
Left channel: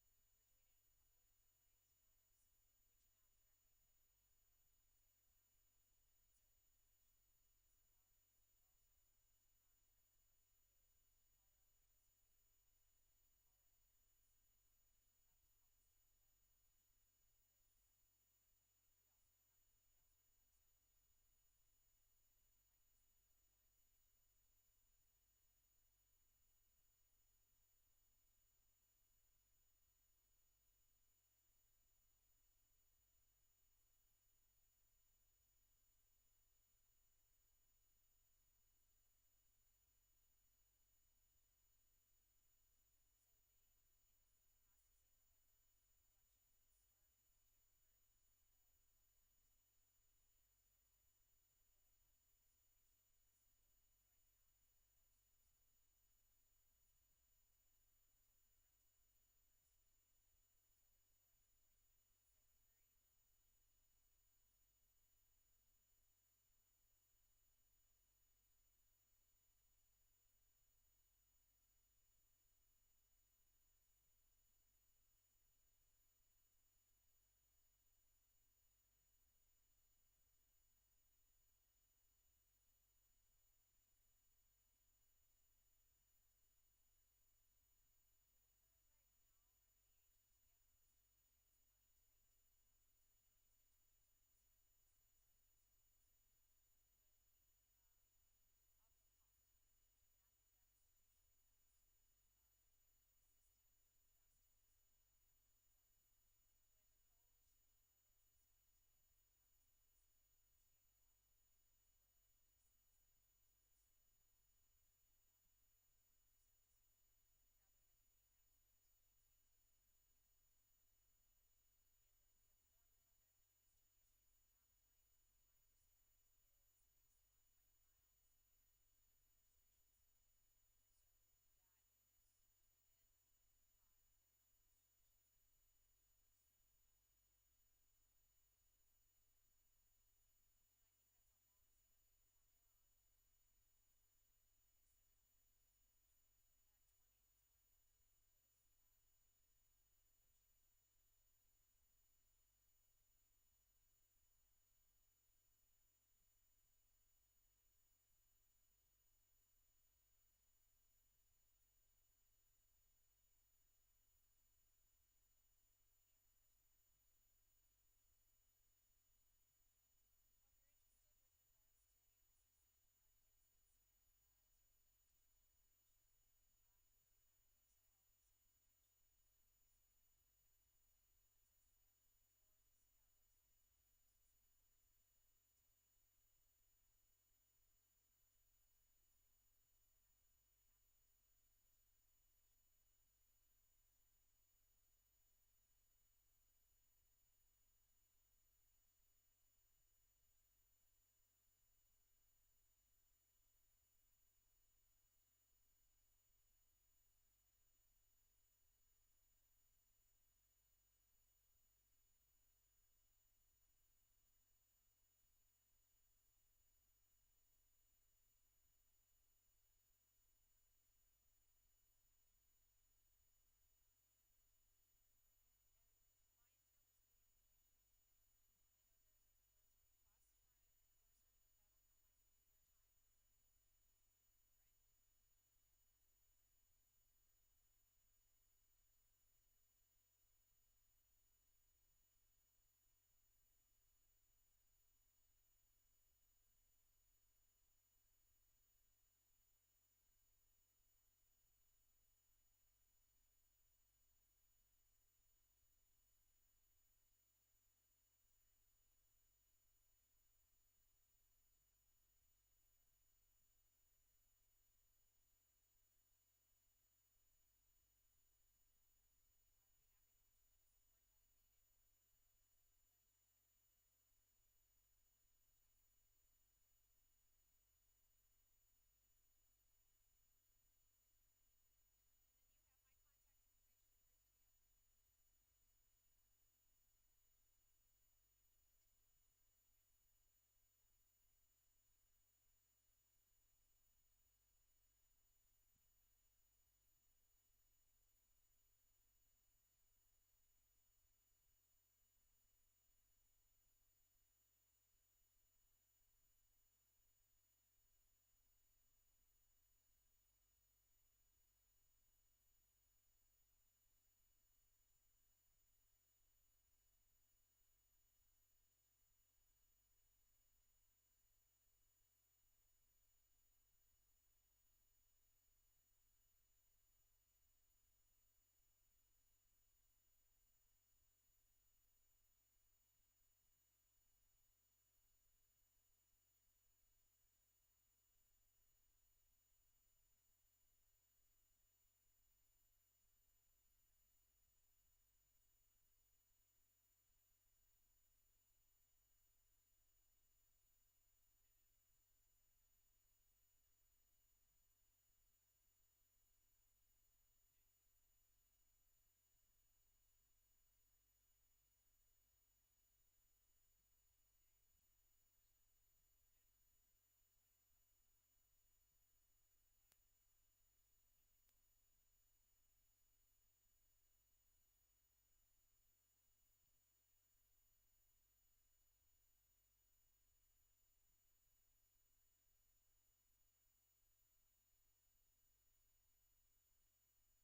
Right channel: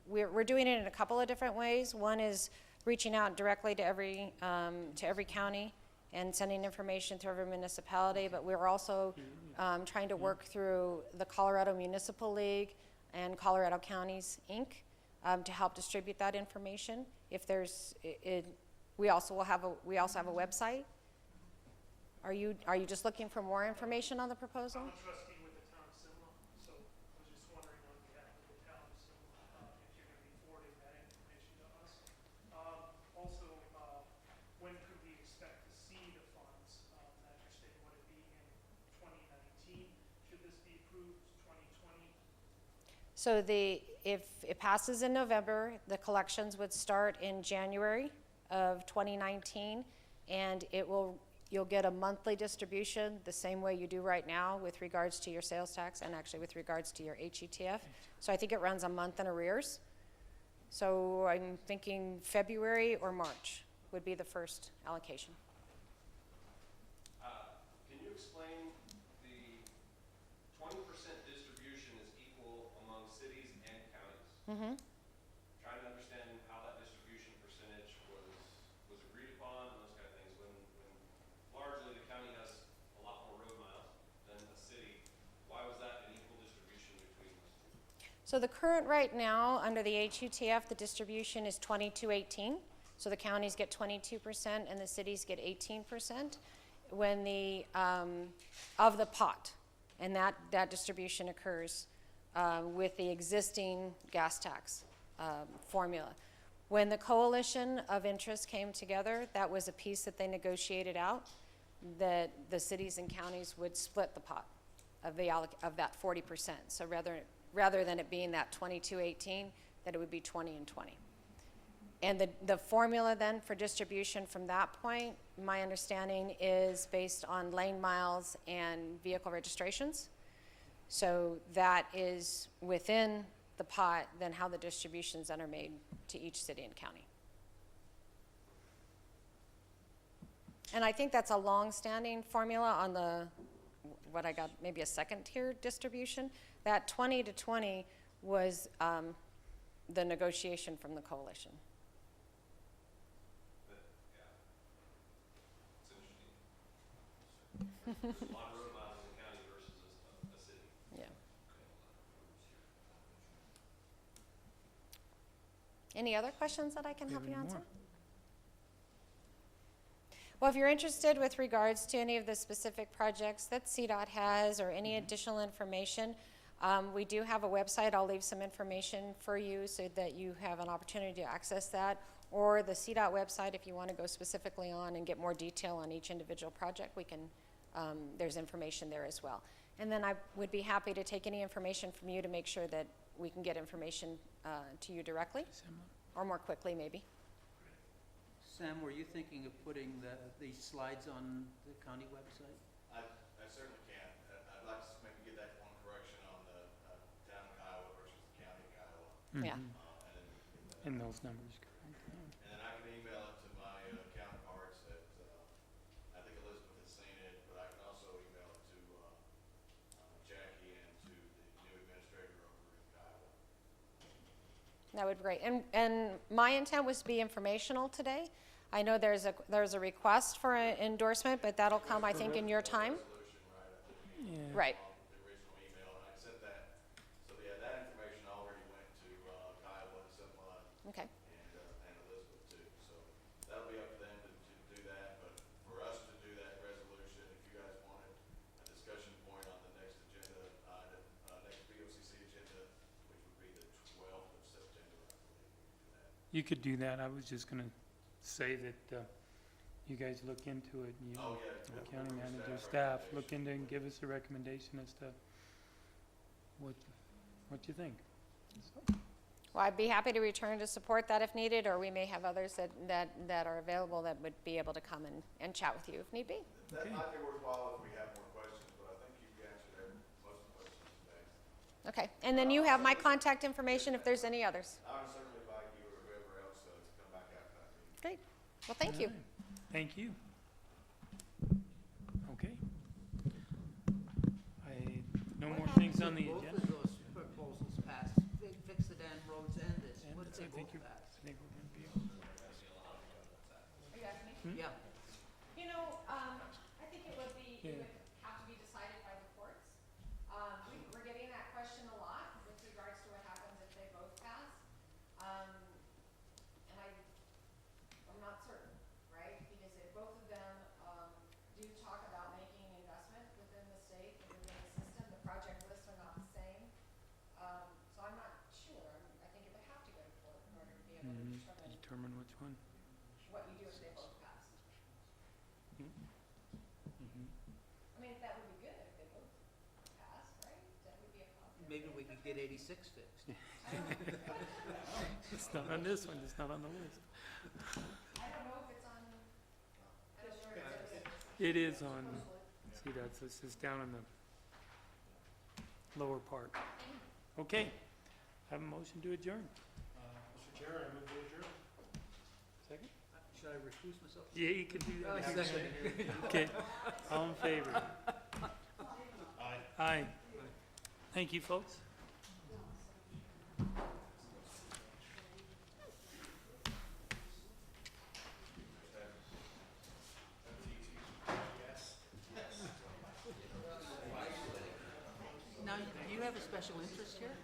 we're doing it in a couple of different ways. One is reaching out directly to every county and sending information to every municipality, but we're also trying to work through the Colorado Municipal League and Colorado Counties, Inc., to help distribute that information. If there's, we also have a website. Are you just looking for more information on the proposal? I'm a trustee with the town of Simla, so I was just wondering on behalf of the town of Simla, if you're gonna be forwarding that information to us. Also, when could we expect to see the funds, that you're stating, would it be in 2019? Should this be approved 2020? So if it passes in November, the collections would start in January of 2019, and you'll get a monthly distribution the same way you do right now with regards to your sales tax and actually with regards to your HETF. So I think it runs a month in arrears. So I'm thinking February or March would be the first allocation. Can you explain the 20% distribution is equal among cities and counties? Mm-hmm. Trying to understand how that distribution percentage was agreed upon and those kind of things. When largely the county has a lot more road miles than a city, why was that an equal distribution between those two? So the current right now, under the HUTF, the distribution is 22-18. So the counties get 22% and the cities get 18% when of the pot. And that distribution occurs with the existing gas tax formula. When the coalition of interest came together, that was a piece that they negotiated out, that the cities and counties would split the pot of that 40%. So rather than it being that 22-18, that it would be 20 and 20. And the formula then for distribution from that point, my understanding is based on lane miles and vehicle registrations. So that is within the pot, then how the distributions then are made to each city and county. And I think that's a long-standing formula on what I got, maybe a second tier distribution. That 20 to 20 was the negotiation from the coalition. It's interesting. There's a lot of road miles in the county versus a city. Yeah. Any other questions that I can help you Maybe answer? more. Well, if you're interested with regards to any of the specific projects that CDOT has or any additional information, we do have a website. I'll leave some information for you so that you have an opportunity to access that. Or the CDOT website, if you want to go specifically on and get more detail on each individual project, we can, there's information there as well. And then I would be happy to take any information from you to make sure that we can get information to you directly, or more quickly maybe. Sam, were you thinking of putting these slides on the county website? I certainly can. I'd like to maybe get that one correction on the town of Kiowa versus the county of Kiowa. Yeah. And then we can get that. And those numbers, correct? Yeah. And then I can email it to my counterparts at, I think Elizabeth has seen it, but I can also email it to Jackie and to the new administrator over in Kiowa. That would be great. And my intent was to be informational today. I know there's a request for an endorsement, but that'll come, I think, in your time. Yeah. Right. The original email, and I sent that. So yeah, that information already went to Kiowa and Simla Okay. and Elizabeth too. So that'll be up to them to do that. But for us to do that resolution, if you guys wanted a discussion point on the next agenda item, next BoCC agenda, which would be the 12th of September, I believe we could do that. You could do that. I was just gonna say that, you guys look into it, you Oh, know, yeah. the we'll county do manager, staff staff, look into it and give us a recommendation as to what you think. So, Well, I'd be happy to return to support that if needed, or we may have others that are available that would be able to come and chat with you if need be. That Okay. might be worthwhile if we have more questions, but I think you've answered most of the questions today. Okay. And then you have my contact information if there's any others. I would certainly invite you or whoever else to come back after that meeting. Great. Well, thank you. all right. Thank you. Okay. No more things on the both agenda. of those proposals pass, fix the damn roads and this, And what if I they think both you're, pass? I think we're gonna be able to. Are you asking me? Yeah, You know, I think it would be, it Yeah. would have to be decided by the courts. We're getting that question a lot with regards to what happens if they both pass. And I'm not certain, right? Because if both of them, do talk about making investment within the state and within the system, the project lists are not the same. So I'm not sure. I think it would have to go to court in order to be able to determine Determine which one. what you do if they both pass. Mhm. I mean, that would be good if they both pass, right? That would be a positive. maybe we could get 86 fixed. It's not on this one, it's not on the list. I don't know if it's on, I don't know if it's. It is on, see, that's, this is down in the lower part. Okay, have a motion to adjourn. Mr. Chair, I move to adjourn. Second? Should I recuse myself? Yeah, you can do Oh, that. second. Okay, all in favor? Aye. Aye. Thank you, folks. Now, do you have a special interest here?